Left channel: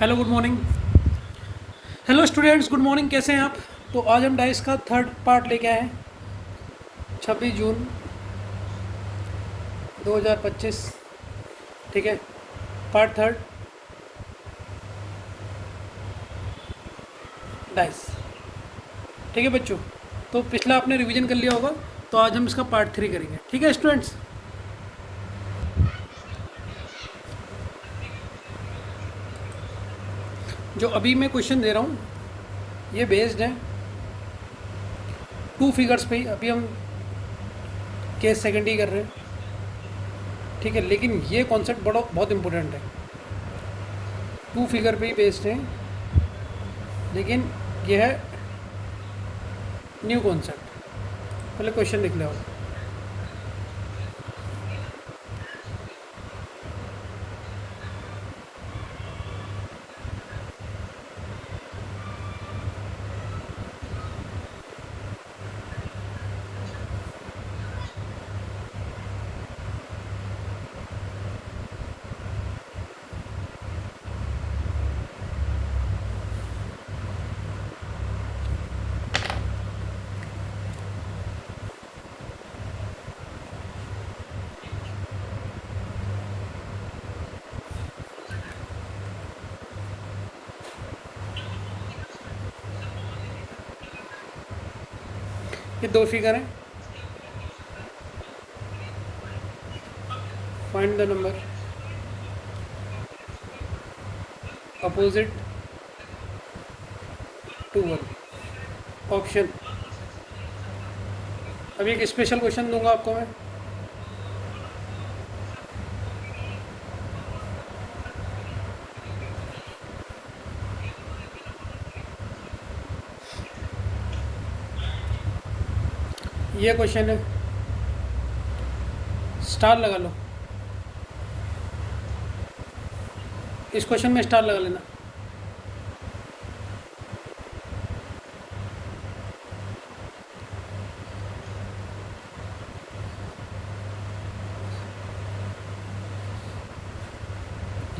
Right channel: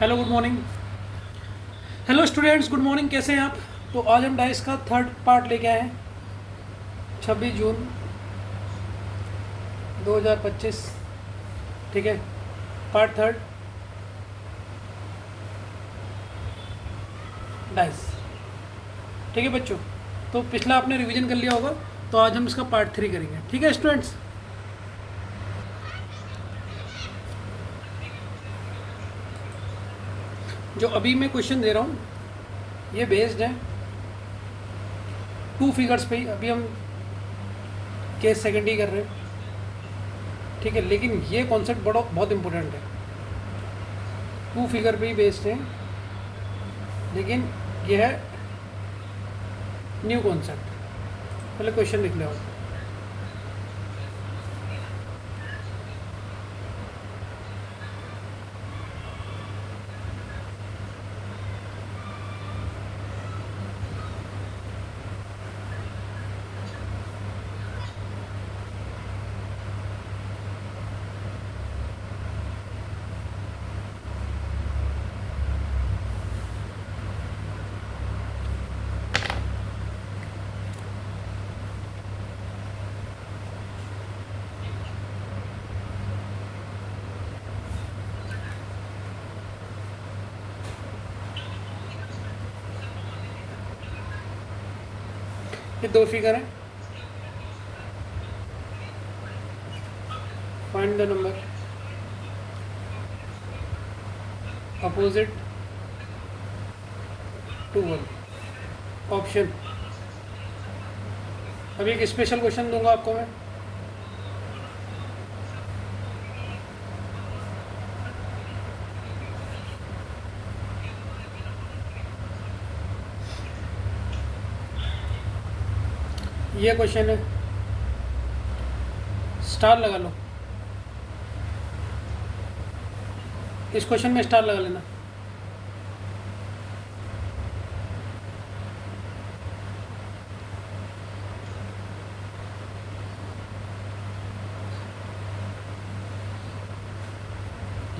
Hello good morning. Hello students, good morning. कैसे हैं आप? तो आज हम डाइस का थर्ड पार्ट लेके आए हैं। 26 जून 2025। ठीक है, पार्ट थर्ड, डाइस। ठीक है बच्चों, तो पिछला आपने रिवीजन कर लिया होगा, तो आज हम इसका पार्ट थ्री करेंगे। ठीक है स्टूडेंट्स। जो अभी मैं क्वेश्चन दे रहा हूँ ये बेस्ड है टू फिगर्स पे ही। अभी हम केस सेकेंड ही कर रहे हैं। ठीक है, लेकिन ये कॉन्सेप्ट बड़ा बहुत इंपॉर्टेंट है। टू फिगर पे ही बेस्ड है, लेकिन ये है न्यू कॉन्सेप्ट। पहले क्वेश्चन लिख लो आप। ये दो फिगर हैं। Find the number opposite to one. Option, अभी एक स्पेशल क्वेश्चन दूंगा आपको मैं। ये क्वेश्चन है, स्टार लगा लो। इस क्वेश्चन में स्टार लगा लेना।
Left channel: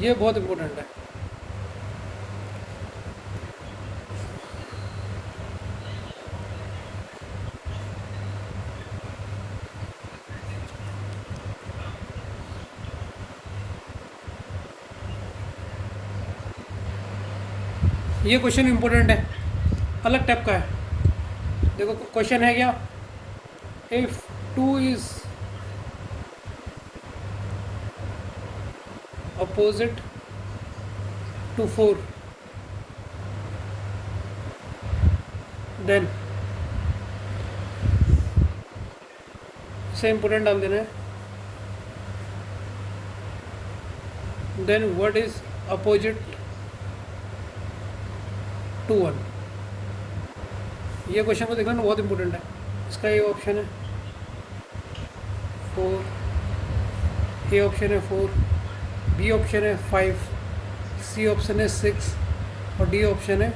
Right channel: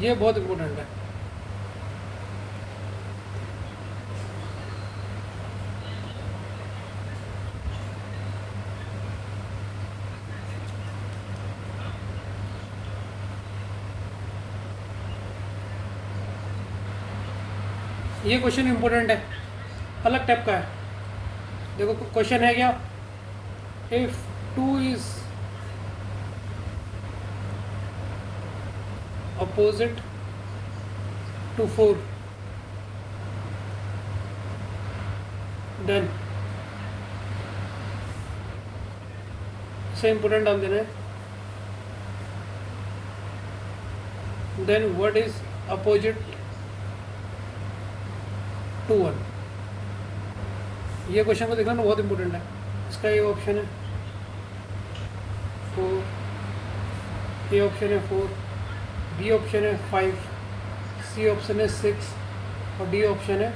ये बहुत इंपॉर्टेंट है। ये क्वेश्चन इंपॉर्टेंट है, अलग टाइप का है। देखो क्वेश्चन है क्या, if two is opposite to four then, से इंपॉर्टेंट डाल देना है। Then what is opposite to one. ये क्वेश्चन को देखना ना, बहुत इंपॉर्टेंट है। इसका ये ऑप्शन है फोर, ए ऑप्शन है फोर, बी ऑप्शन है फाइव, सी ऑप्शन है सिक्स और डी ऑप्शन है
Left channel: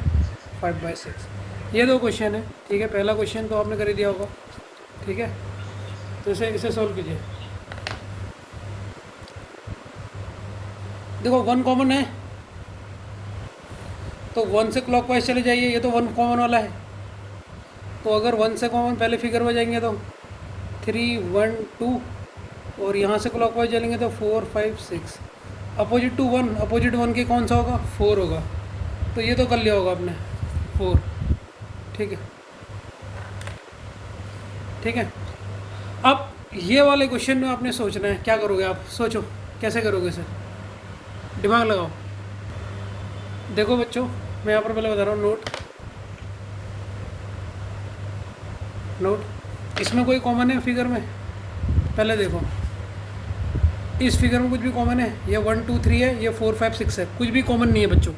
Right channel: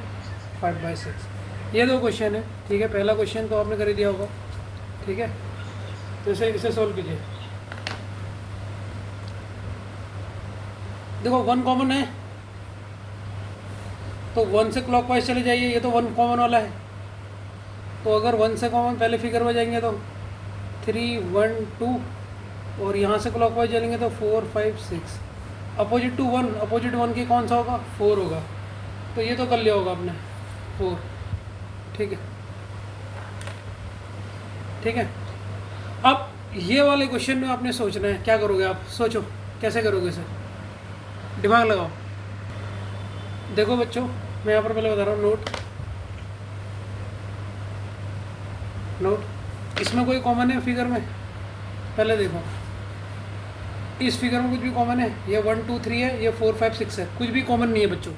5/6। ये दो क्वेश्चन है। ठीक है, पहला क्वेश्चन तो आपने कर ही दिया होगा। ठीक है, तो इसे सॉल्व कीजिए। देखो वन कॉमन है, तो वन से क्लॉकवाइज चले जाइए। ये तो वन कॉमन वाला है, तो अगर वन से कॉमन पहले फिगर में जाएंगे तो 3 1 2, और यहाँ से क्लॉकवाइज चलेंगे तो 4 5 6। Opposite to one, opposite one के कौन सा होगा? 4 होगा। तो ये तो कर लिया होगा आपने 4। ठीक है, ठीक है। अब ये वाले क्वेश्चन में आपने सोचना है, क्या करोगे आप? सोचो कैसे करोगे इसे, दिमाग लगाओ। देखो बच्चों, मैं यहाँ पर पहले बता रहा हूँ, नोट नोट। इसमें कोई कॉमन है फिगर में? पहले देखो, इस फिगर में कुछ भी कॉमन है? ये 1 2 3 है, ये 4 5 6 है, कुछ भी कॉमन नहीं है बच्चों।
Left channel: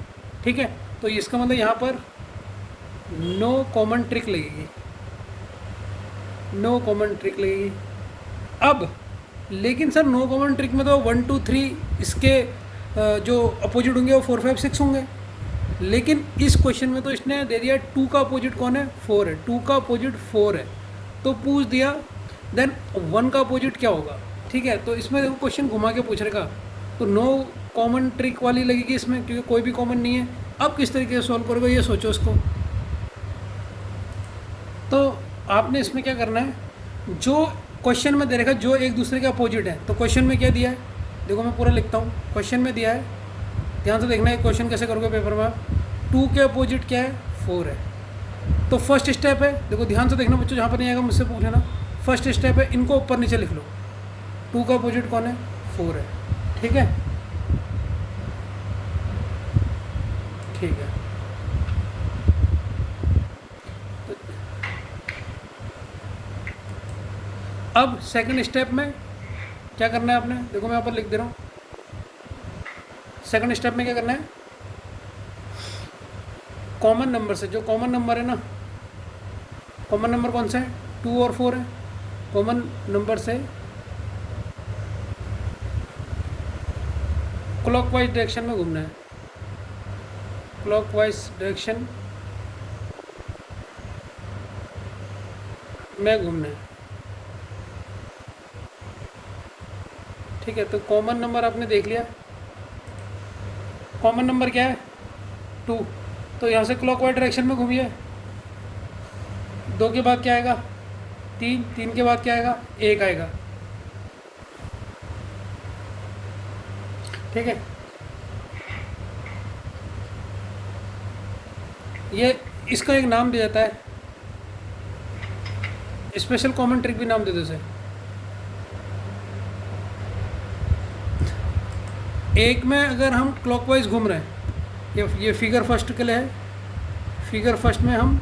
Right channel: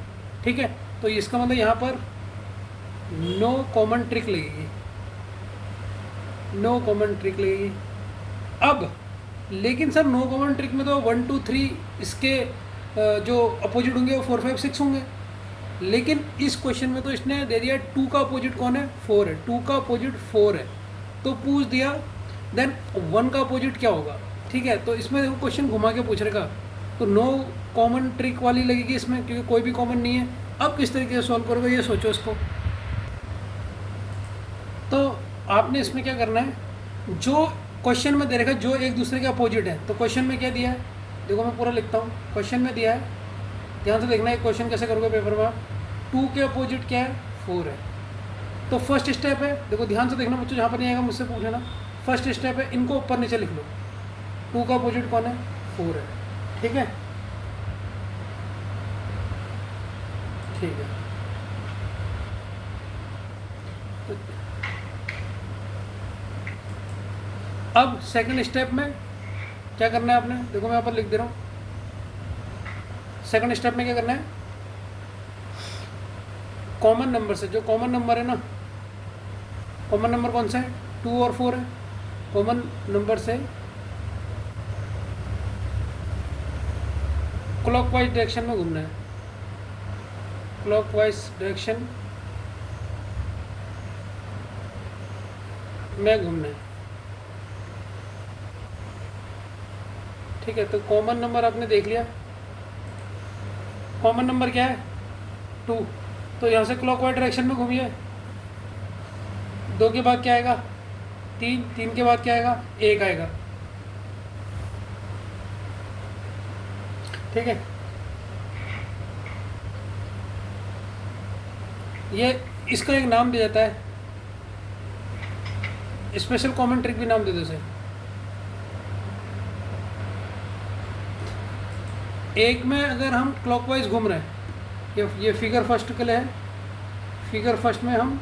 ठीक है, तो इसका मतलब यहाँ पर नो कॉमन ट्रिक लगेगी, नो कॉमन ट्रिक लगेगी। अब लेकिन सर नो कॉमन ट्रिक में तो 1 2 3 इसके जो अपोजिट होंगे वो 4 5 6 होंगे। लेकिन इस क्वेश्चन में तो इसने दे दिया टू का अपोजिट कौन है? 4 है। टू का अपोजिट 4 है, तो पूछ दिया देन वन का अपोजिट क्या होगा? ठीक है, तो इसमें क्वेश्चन घुमा के पूछ रहेगा, तो नो कॉमन ट्रिक वाली लगेगी इसमें, क्योंकि कोई भी कॉमन नहीं है। अब किस तरीके से सॉल्व करोगे ये सोचो उसको। तो आपने इसमें क्या करना है, जो क्वेश्चन में दे रखा है जो एक दूसरे के अपोजिट है, तो क्वेश्चन में क्या दिया है, देखो मैं पूरा लिखता हूँ। क्वेश्चन में दिया है, ध्यान से देखना है क्वेश्चन कैसे करोगे पेपर में आप। 2 के अपोजिट क्या है, 4 है। तो फर्स्ट स्टेप है, देखो ध्यान से देखना बच्चों, जहाँ पर नहीं आएगा मुझसे पूछना। फर्स्ट स्टेप है, इनको ऊपर नीचे लिख लो। 2 का अपोजिट कौन है, 4 है। ठीक है, ठीक है। अब सेकंड स्टेप में क्या करना है आपने, देखो मैं यहाँ पर लिख दे रहा हूँ। सेकंड स्टेप में क्या करना है, कॉमन नंबर से, जो कॉमन नंबर है ना, कॉमन नंबर कौन सा है, 2 और 4 है। कॉमन नंबर से क्लॉकवाइज डायरेक्शन में घूमना है। क्लॉकवाइज डायरेक्शन में घूमना है। ठीक है, तो कॉमन नंबर आपने देख लिया। कॉमन नंबर क्या है, 2। तो यहाँ से क्लॉकवाइज डायरेक्शन में घूमिए। 2 के बाद क्या आएगा, 3। 3 के बाद क्या आएगा, 1 आएगा। ठीक है, ये इसका एक नाम दिया जाता है, स्पेशल कॉमन ट्रिक भी नाम दे दो इसे। एक में अगर हम क्लॉकवाइज घूम रहे हैं, ये फिगर फर्स्ट के लिए है। फिगर फर्स्ट में हम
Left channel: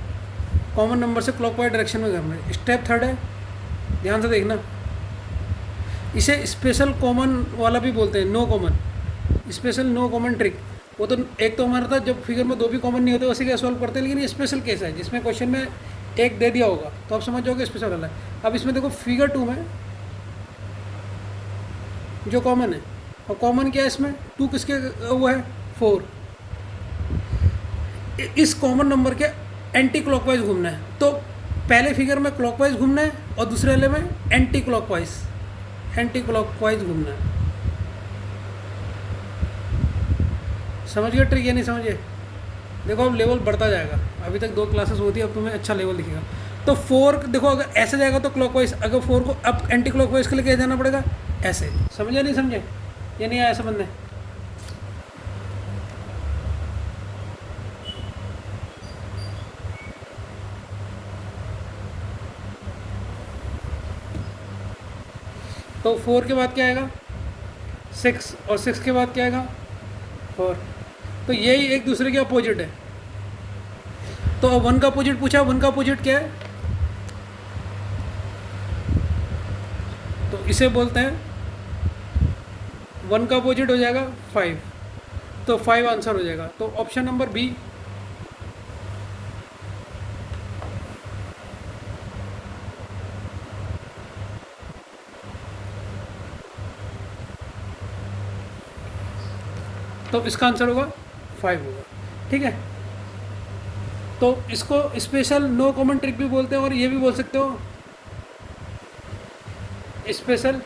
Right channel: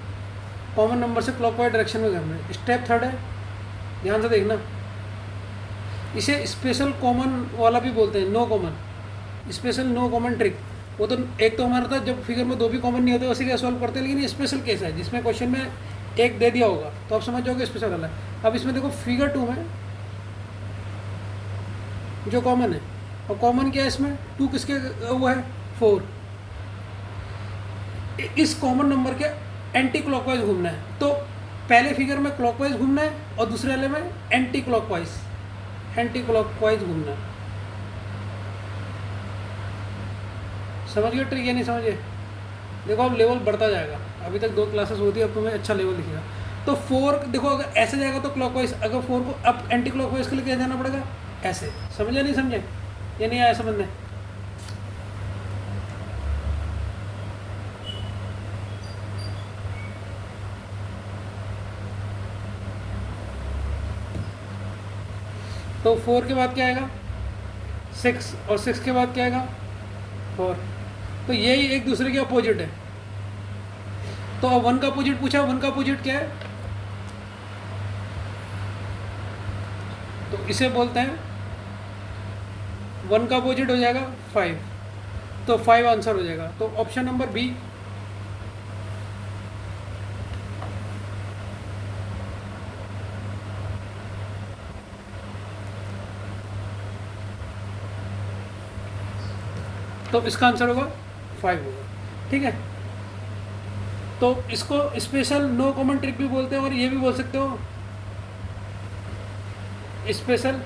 कॉमन नंबर से क्लॉकवाइज डायरेक्शन में घूम रहे हैं। स्टेप थर्ड है, ध्यान से देखना, इसे स्पेशल कॉमन वाला भी बोलते हैं, no common, special no common trick. वो तो एक तो हमारा था जब फिगर में 2 भी कॉमन नहीं होते वैसे क्या सॉल्व करते हैं, लेकिन ये स्पेशल केस है जिसमें क्वेश्चन में 1 दे दिया होगा तो आप समझ जाओगे स्पेशल वाला है। अब इसमें देखो फिगर 2 में जो कॉमन है, और कॉमन क्या है इसमें, 2 किसके वो है, 4। इस कॉमन नंबर के एंटी क्लॉकवाइज घूमना है। तो पहले फिगर में क्लॉकवाइज घूमना है और दूसरे वाले में एंटी क्लॉकवाइज घूमना है। समझ गए ट्रिक या नहीं समझे? देखो अब लेवल बढ़ता जाएगा, अभी तक 2 क्लासेस होती है, अब तुम्हें अच्छा लेवल दिखेगा। तो 4 देखो, अगर ऐसे जाएगा तो क्लॉकवाइज, अगर 4 को अब एंटी क्लॉकवाइज के लिए क्या जाना पड़ेगा, ऐसे। समझे नहीं समझे, ये नहीं आया समझ में? तो 4 के बाद क्या आएगा, 6, और 6 के बाद क्या आएगा, 4। तो यही एक दूसरे के अपोजिट है। तो अब 1 का अपोजिट पूछा, 1 का अपोजिट क्या है, तो इसे बोलते हैं 1 का अपोजिट हो जाएगा 5। तो 5 आंसर हो जाएगा। तो ऑप्शन नंबर बी। तो इसका आंसर होगा 5 होगा। ठीक है, तो इसको स्पेशल नो कॉमन ट्रिक भी बोलते हैं, और ये भी बोल सकते हो स्पेशल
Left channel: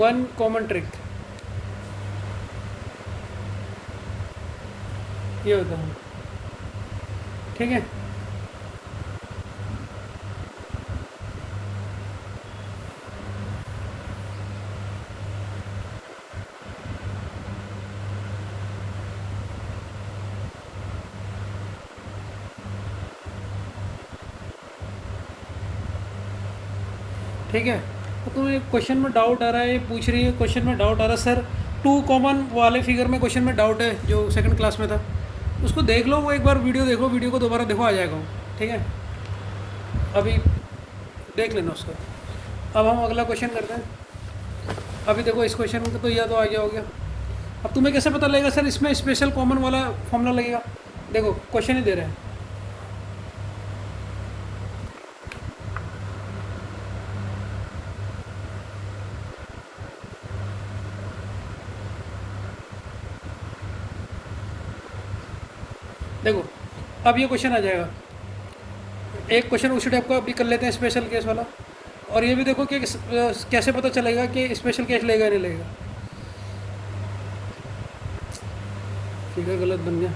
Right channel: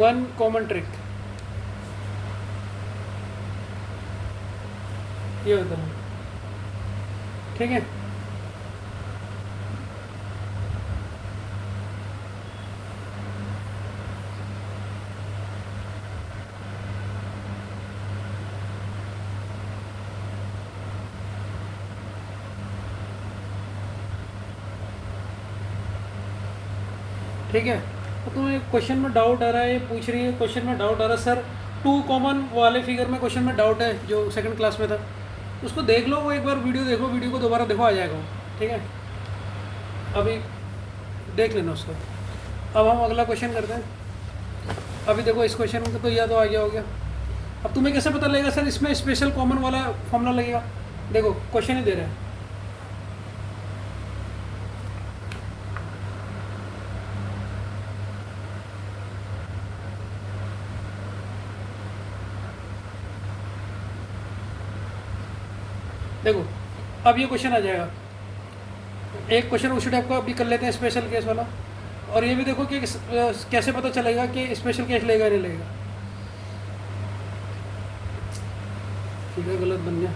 1 कॉमन ट्रिक, ये होता है। ठीक है, ठीक है। तो तुम्हें क्वेश्चन में डाउट आ रहा है, ये पूछ रही है क्वेश्चन में डाउट आ रहा है सर 2 कॉमन वाले फिगर में क्वेश्चन में डाउट है जो सेकंड क्लास में था, उसको देख लो, वो एक बार वीडियो देख लो, वीडियो को दोबारा देखो, आ जाएगा वो। ठीक है, अभी देख लेना उसका। अब हम अगला क्वेश्चन करते हैं। अभी देखो इस क्वेश्चन को तो या तो आ गया हो गया। अब तुम्हें कैसे पता लगेगा सर इसमें स्पेशल कॉमन वाला फॉर्मूला लगेगा? देखो क्वेश्चन ही दे रहे हैं, देखो अब ये क्वेश्चन आ जाएगा। एक क्वेश्चन उसी टाइप का अभी कर लेते हैं, स्पेशल केस वाला। और ये भी देखो कि कैसे पता चलेगा कि स्पेशल केस लेगा नहीं लेगा। फिगर गलत बन गया।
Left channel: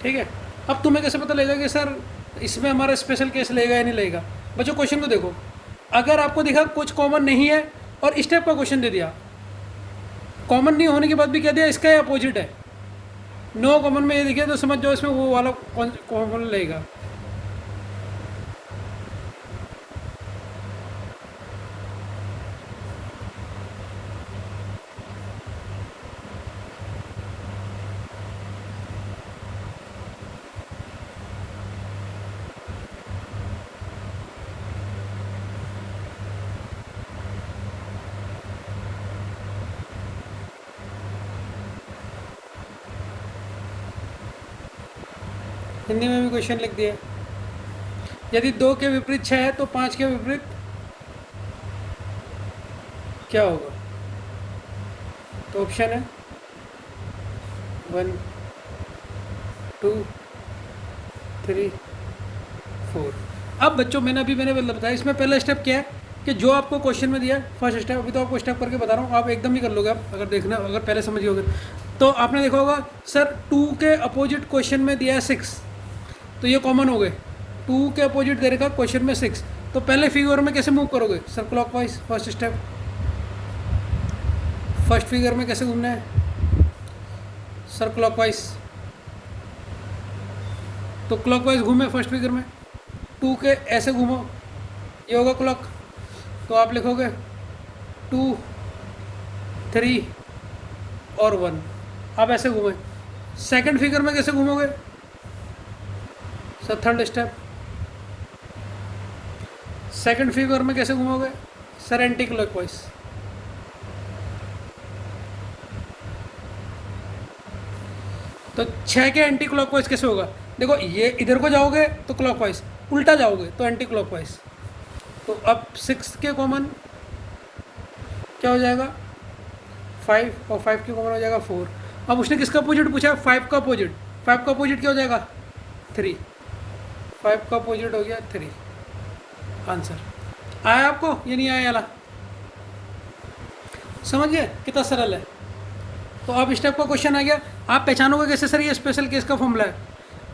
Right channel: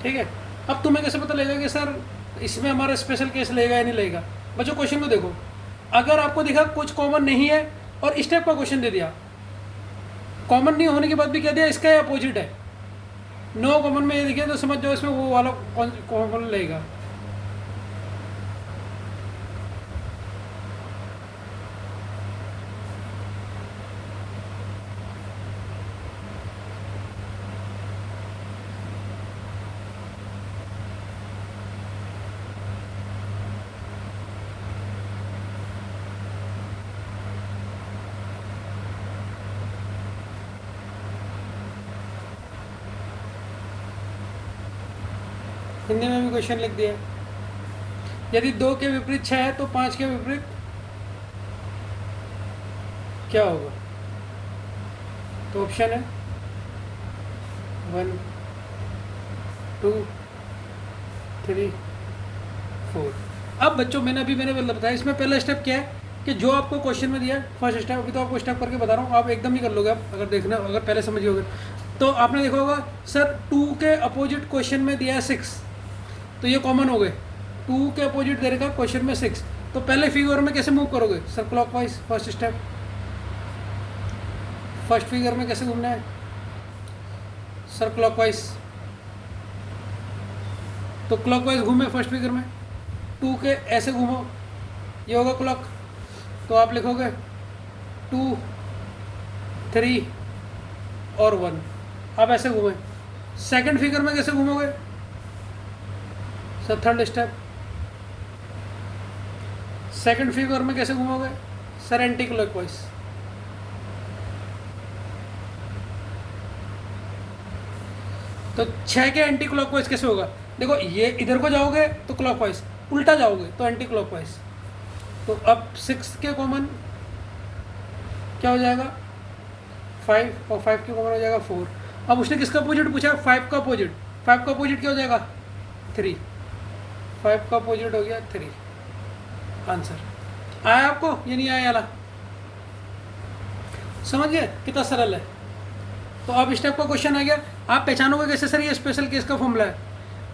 ठीक है, अब तुम्हें कैसे पता लगेगा कि सर इसमें हमारा स्पेशल केस लेगा या नहीं लेगा? बच्चों क्वेश्चन को देखो, अगर आपको दिखा कुछ कॉमन नहीं है और इस टाइप का क्वेश्चन दे दिया, कॉमन नहीं होने के बाद भी कह दिया इसका अपोजिट है, नो कॉमन में ये देखिए तो समझ जाओ इसमें वो वाला कॉमन लेगा। हिंदी में भी क्वेश्चन लिख दिया, यदि 2 के विपरीत 6 है तो 5 के विपरीत क्या होगा? तो ऑप्शन है 1 2 3 4। अब बच्चों मैंने बताया, इसमें पहला स्टेप क्या है कि जो आपको क्वेश्चन में दिया फर्स्ट स्टेप, अभी तो आपको स्टेप करके बता रहा हूँ, आप एकदम ही कर लोगे। आप अगर देखना, अगर पहले समझ गए तो आपने देखा होगा सर 2 के अपोजिट क्वेश्चन में दिया है 6, तो ये कॉमन हो गए। 2 के अपोजिट दे रखा क्वेश्चन में 6, तो पहले फिगर में कैसे मूव करोगे sir? Clockwise first step, first figure में कैसे घूमना है सर? क्लॉकवाइज। तो क्लॉकवाइज घूमे फर्स्ट फिगर में, 2 के ऐसे घूमो, ये होगा क्लॉक, तो आप लिखोगे 2 3 और 1। आप ऐसे घूमे। सेकंड फिगर में कैसे घूमोगे sir? Third step. Second figure में कैसे घूमोगे सर? Anti clockwise. तो 6 के एंटी क्लॉकवाइज कैसे होगा? देखो ये इधर को जाओगे तो क्लॉकवाइज, उल्टा जाओगे तो एंटी क्लॉकवाइज। तो अब 6 के कॉमन क्या हो जाएगा? 5, और 5 के कॉमन हो जाएगा 4। अब उसने किसका अपोजिट पूछा है? 5 का अपोजिट। 5 का अपोजिट क्या हो जाएगा? 3। 5 का अपोजिट हो गया 3। आंसर आया आपको? ये नहीं आया वाला? समझ गए कितना सरल है? तो अब इस टाइप का क्वेश्चन आ गया, आप पहचानोगे कैसे सर ये स्पेशल केस का फॉर्मूला है?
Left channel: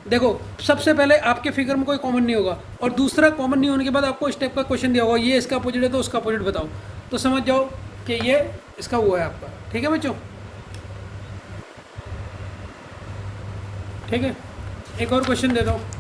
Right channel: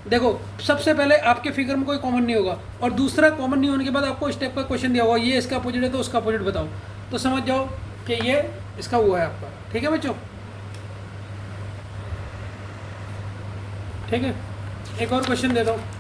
देखो सबसे पहले आपके फिगर में कोई कॉमन नहीं होगा, और दूसरा कॉमन नहीं होने के बाद आपको इस टाइप का क्वेश्चन दिया होगा, ये इसका अपोजिट है तो उसका अपोजिट बताओ, तो समझ जाओ कि ये इसका वो है आपका। ठीक है बच्चों? ठीक है, एक और क्वेश्चन देता हूँ।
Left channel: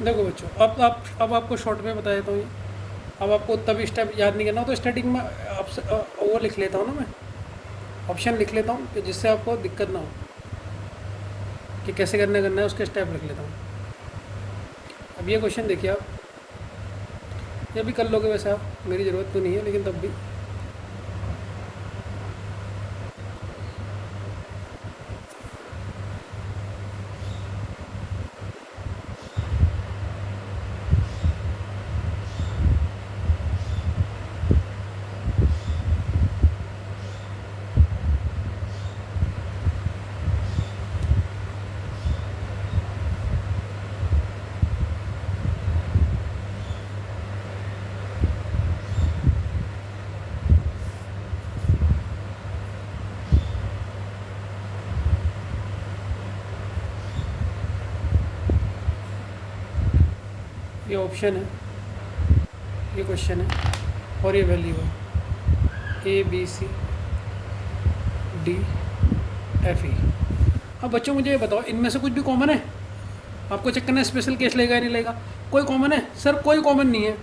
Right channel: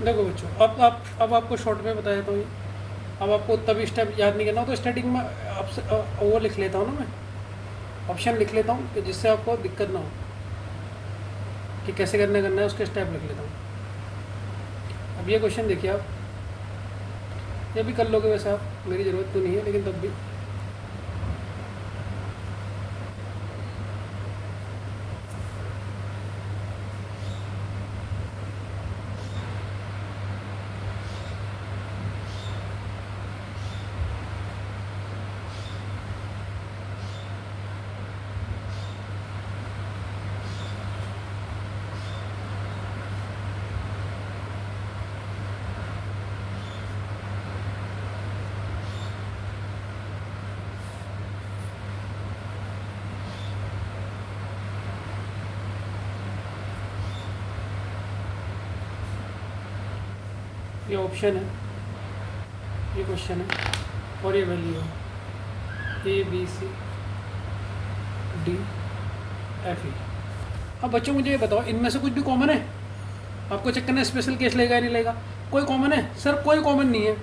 देखो बच्चों, अब आपको शॉर्ट में बताया तो अब आपको तभी स्टेप याद नहीं करना हो, तो स्टार्टिंग में वो लिख लेता हूँ ना, मैं ऑप्शन लिख लेता हूँ कि जिससे आपको दिक्कत ना हो कि कैसे करना है, उसके स्टेप लिख लेता हूँ। अब ये क्वेश्चन देखिए आप, ये भी कर लोगे वैसे आप, मेरी ज़रूरत तो नहीं है लेकिन तब भी। ये ऑप्शन है, ये क्वेश्चन है, और ये वैल्यू है ABCDFE। अब बच्चों मुझे ये बताओ, इनमें से कुछ भी कॉमन है? आपको चेक करना है स्पेशल केस लेगा या नहीं लेगा। कोई कॉमन है? सर कोई कॉमन नहीं है,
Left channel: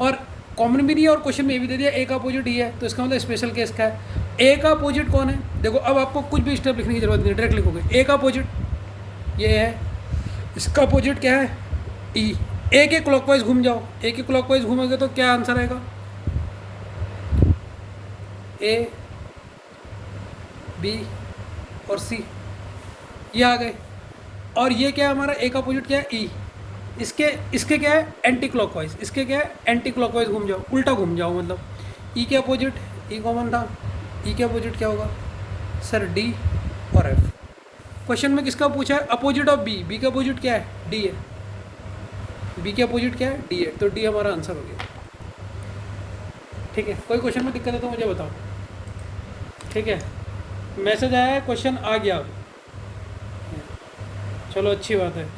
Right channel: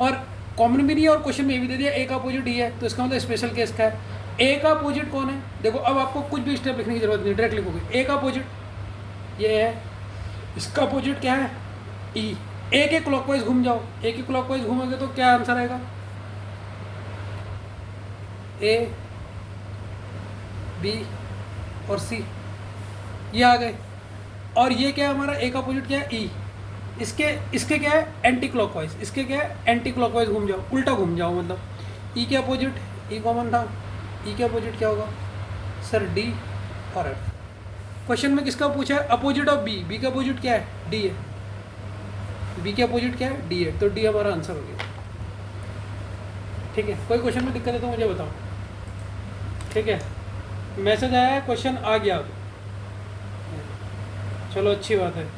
और कॉमन भी नहीं है, और क्वेश्चन में भी दे दिया ए का अपोजिट ई है, तो इसका मतलब स्पेशल केस का है। ए का अपोजिट कौन है? देखो अब आपको कुछ भी स्टेप लिखने की जरूरत नहीं, डायरेक्ट लिखोगे ए का अपोजिट ये है, इसका अपोजिट क्या है? ई। ए के क्लॉकवाइज घूम जाओ, ए के क्लॉकवाइज घूमोगे तो क्या आंसर आएगा? ए, बी और सी, ये आ गए। और ये क्या है हमारा? ए का अपोजिट क्या है? ई। इसके क्या है? Anti clockwise. इसके क्या है? एंटी क्लॉकवाइज घूम जाओ, उल्टा घूम जाओ, मतलब ई के अपोजिट, ई कॉमन था, ई के अपोजिट क्या होगा सर? डी और एफ। क्वेश्चन में किसका पूछा है? Opposite of B. बी का अपोजिट क्या है? डी है। बी के अपोजिट क्या है? डी है, तो डी हमारा आंसर हो गया। ठीक है, कोई क्वेश्चन में दिक्कत है तो मुझे बताओ। ठीक है, मैसेज आया है, क्वेश्चन आ गया अब। चलो अच्छी बात है।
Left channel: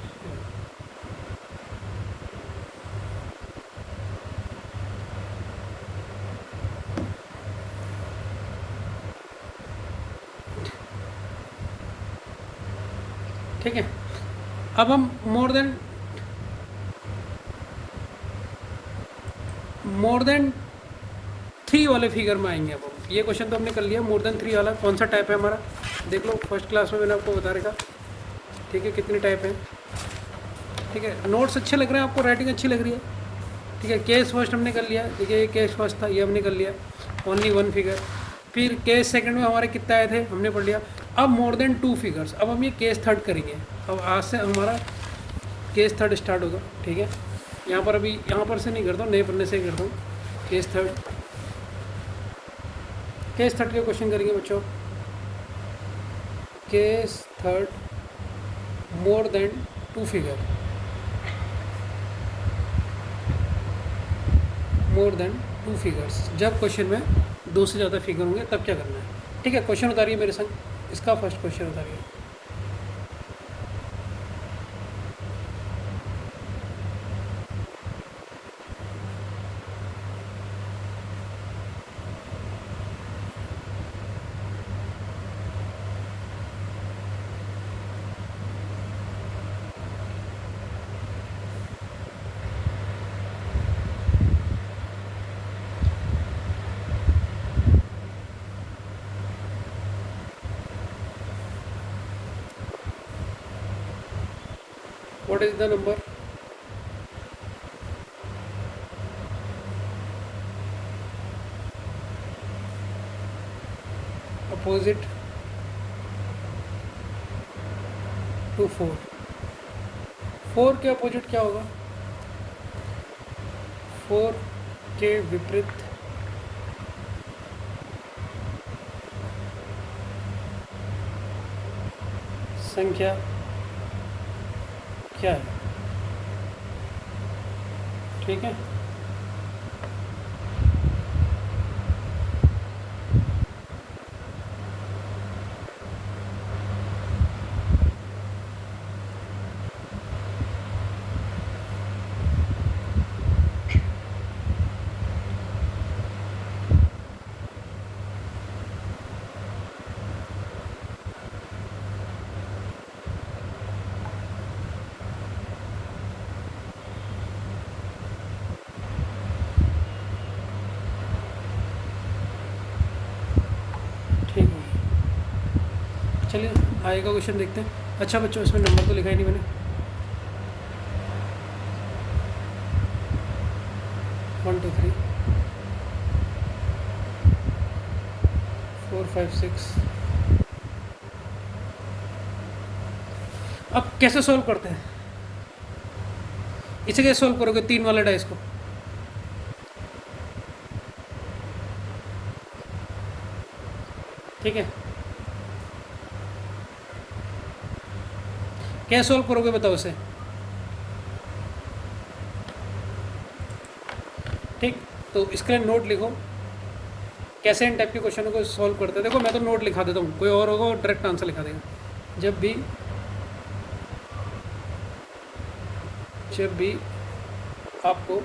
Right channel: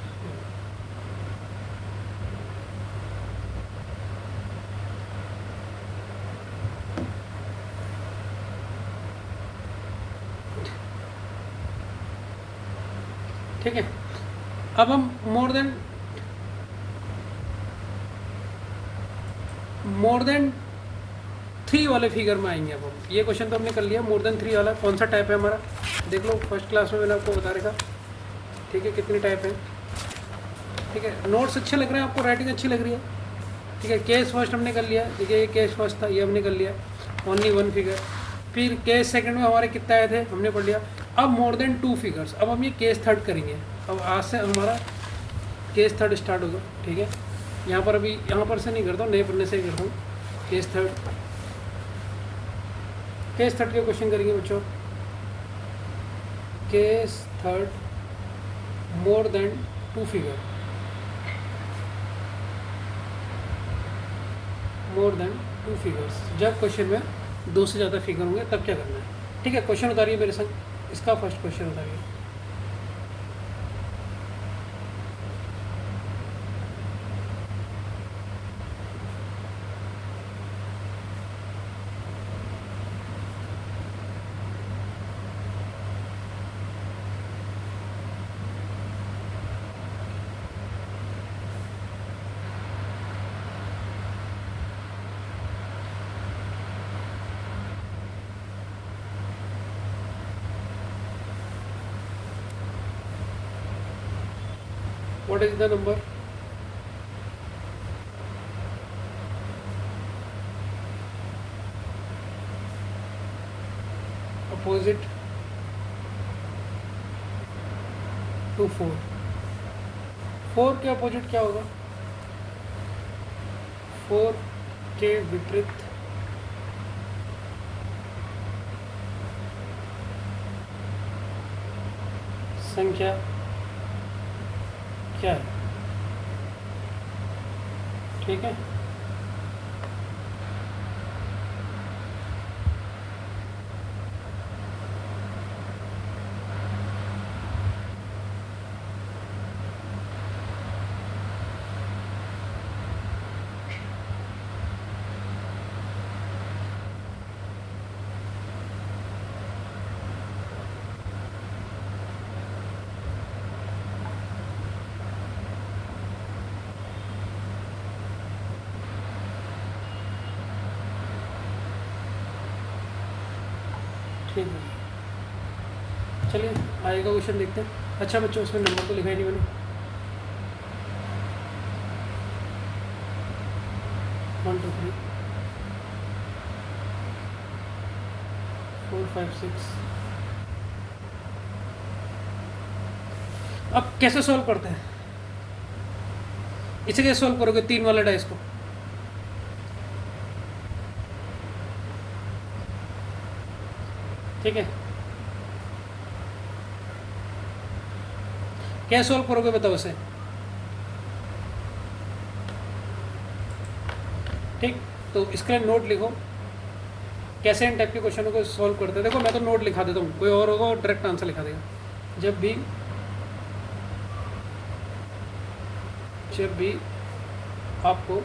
ठीक है, अब हम मोर देन 3 वाले फिगर में आएंगे। अब हम ये क्वेश्चन तो हमने कर लिया, मोर देन 3 वाला कौन सा टाइप है हमारा? देख लो, फर्स्ट क्लास में मैंने आपको बता रखा। ठीक है, कितनी टाइप है? ठीक है, नोट्स अच्छे लग रहे हैं आपको, राइटिंग अच्छी लग रही है? ठीक है, केस फर्स्ट हमने कर लिया, देखिए ये केस फर्स्ट था, ये हमने कर लिया, ओनली 1 फिगर। फिर केस सेकंड में हमारे कितना आए थे, हमने पढ़ लिया। अब मोर देन 2 फिगर्स, अब हम ये केस थर्ड करेंगे। अब आज से हमारा केस थर्ड स्टार्ट होगा। ठीक है, यहाँ पर अभी यहाँ पर से नहीं करता हूँ, नए पढ़ने से करता हूँ। केस थर्ड के क्वेश्चन करेंगे बच्चों। Case third, more than 2 figure, more than 2 figures. जब क्वेश्चन में 2 से ज़्यादा फिगर होंगे तब क्या करना है? ठीक है, क्वेश्चन उतारिए मेरे साथ, इसका फर्स्ट क्वेश्चन उतारिए। What is the number? Opposite to 4। 4 के अपोजिट क्या होगा? 4 के विपरीत संख्या क्या है? ठीक है, ठीक है, चलिए आगे का क्वेश्चन देखते हैं। अच्छा बच्चों, इसमें नंबर तो लिखा ही नहीं मैंने। 1 2 3 4 5 6। अब कैसे सॉल्व करते हैं? इसे कैसे सॉल्व करोगे 3 वाले डाइस को? ठीक है, कैसे सॉल्व करोगे बताओ इसे? ठीक, तो इसके लिए नोट लिखो, कैसे इन टाइप के क्वेश्चनों को सॉल्व करते हैं। देखो मैं तो नोट लिखा देता हूँ, कोई और होगा डायरेक्ट आंसर लिखा देगा। जब भी आपको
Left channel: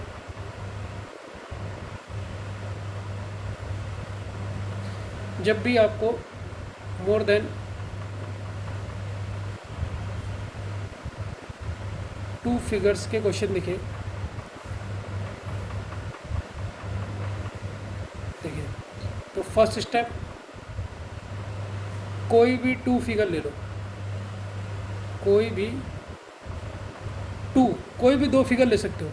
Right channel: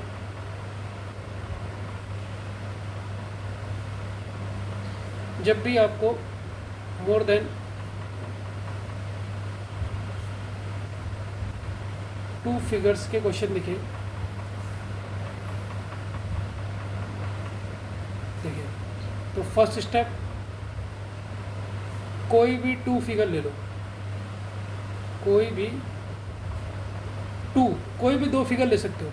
जब भी आपको मोर देन 2 फिगर्स के क्वेश्चन दिखे, देखिए, तो फर्स्ट स्टेप, कोई भी 2 फिगर ले लो, कोई भी 2 फिगर ले सकते हो,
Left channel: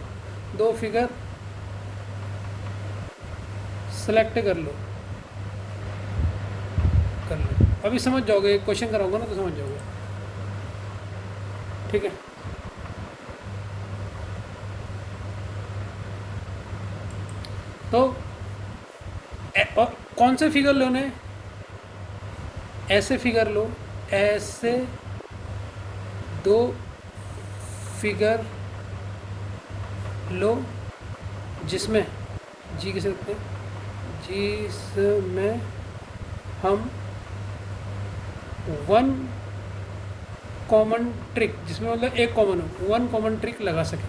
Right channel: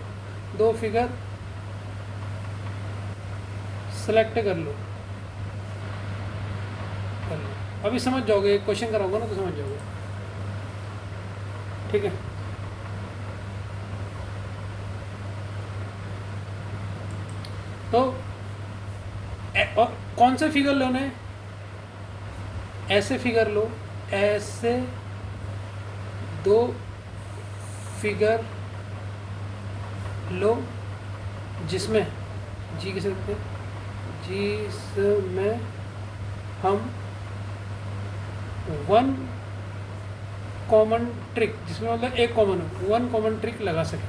2 फिगर सेलेक्ट कर लो। अभी समझ जाओगे, एक क्वेश्चन कराऊंगा ना तो समझ जाओगे, ठीक है। तो कौन से फिगर लो ने, ऐसे फिगर लो, ऐसे 2 फिगर लो जिसमें जी किसे लिखते हैं, जिसमें हम 1 कॉमन ट्रिक, जिसमें मतलब एक कॉमन हो, 1 कॉमन ट्रिक लगा सके।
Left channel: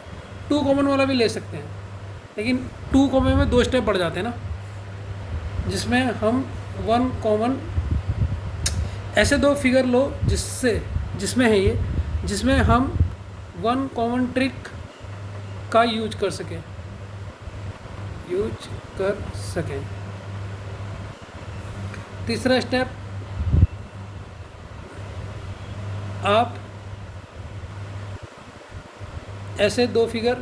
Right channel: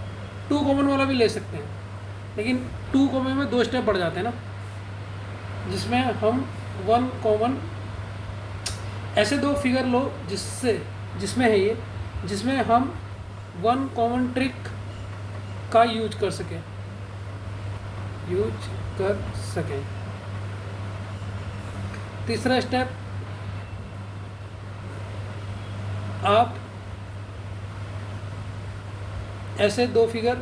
2 कॉमन वाला भी ले सकते हैं, लेकिन 2 कॉमन में 2 स्टेप बढ़ जाते हैं ना, जिसमें हम 1 कॉमन, ऐसे 2 फिगर लो जिसमें है ये, जिसमें हम 1 कॉमन ट्रिक का यूज कर सकें। तीसरा स्टेप, आप ऐसे 2 फिगर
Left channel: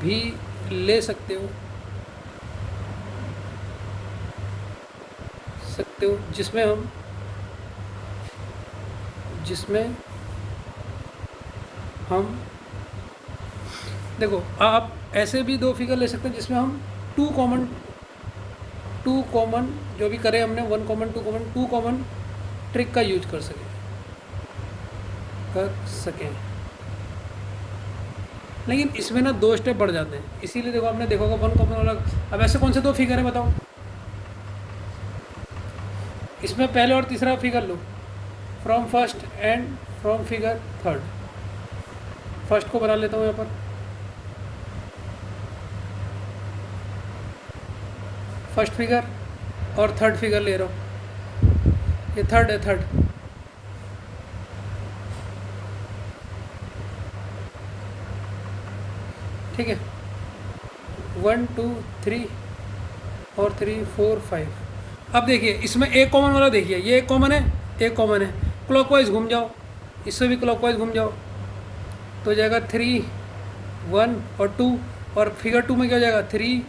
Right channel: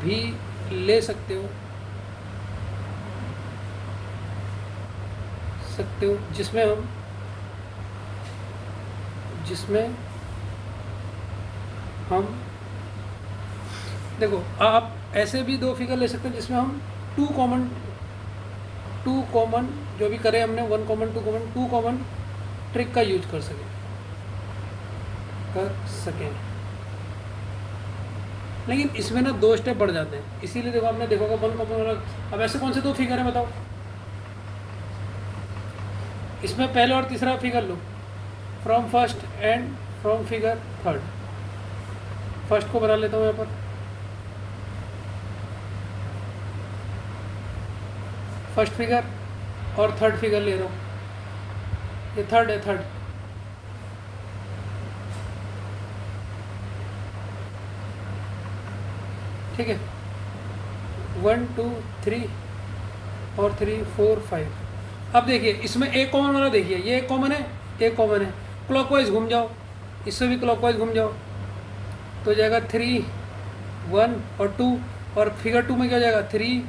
भी ले सकते हो जिसमें हम देखो, आप ऐसे भी 2 फिगर ले सकते हैं जिसमें हम 2 कॉमन जो भी करें हमने, 1 कॉमन 2 कॉमन ट्रिक का यूज कर सकें। लेकिन इसमें ना 2 स्टेप बढ़ जाते हैं, इसीलिए देखो आपने देखा होगा 1 कॉमन वाला। अब ऐसे कौन से 2 फिगर है बताओ, इसमें पहले और तीसरा figure low, from first and from figure third. First को बना लेता हूँ यहाँ पर, फर्स्ट फिगर और थर्ड फिगर ले रहा हूँ, ये थर्ड है, थर्ड, ठीक है। 1 2 3 और 3 4 5। अब देखिए इसमें एक कॉमन वाला, देखिए ये एक कॉमन है, क्लॉकवाइज घूम जाओ, इससे भी क्लॉकवाइज घूम जाओ, तो जाएगा 3 1 और 2, और फिगर 2 में क्या जाएगा 3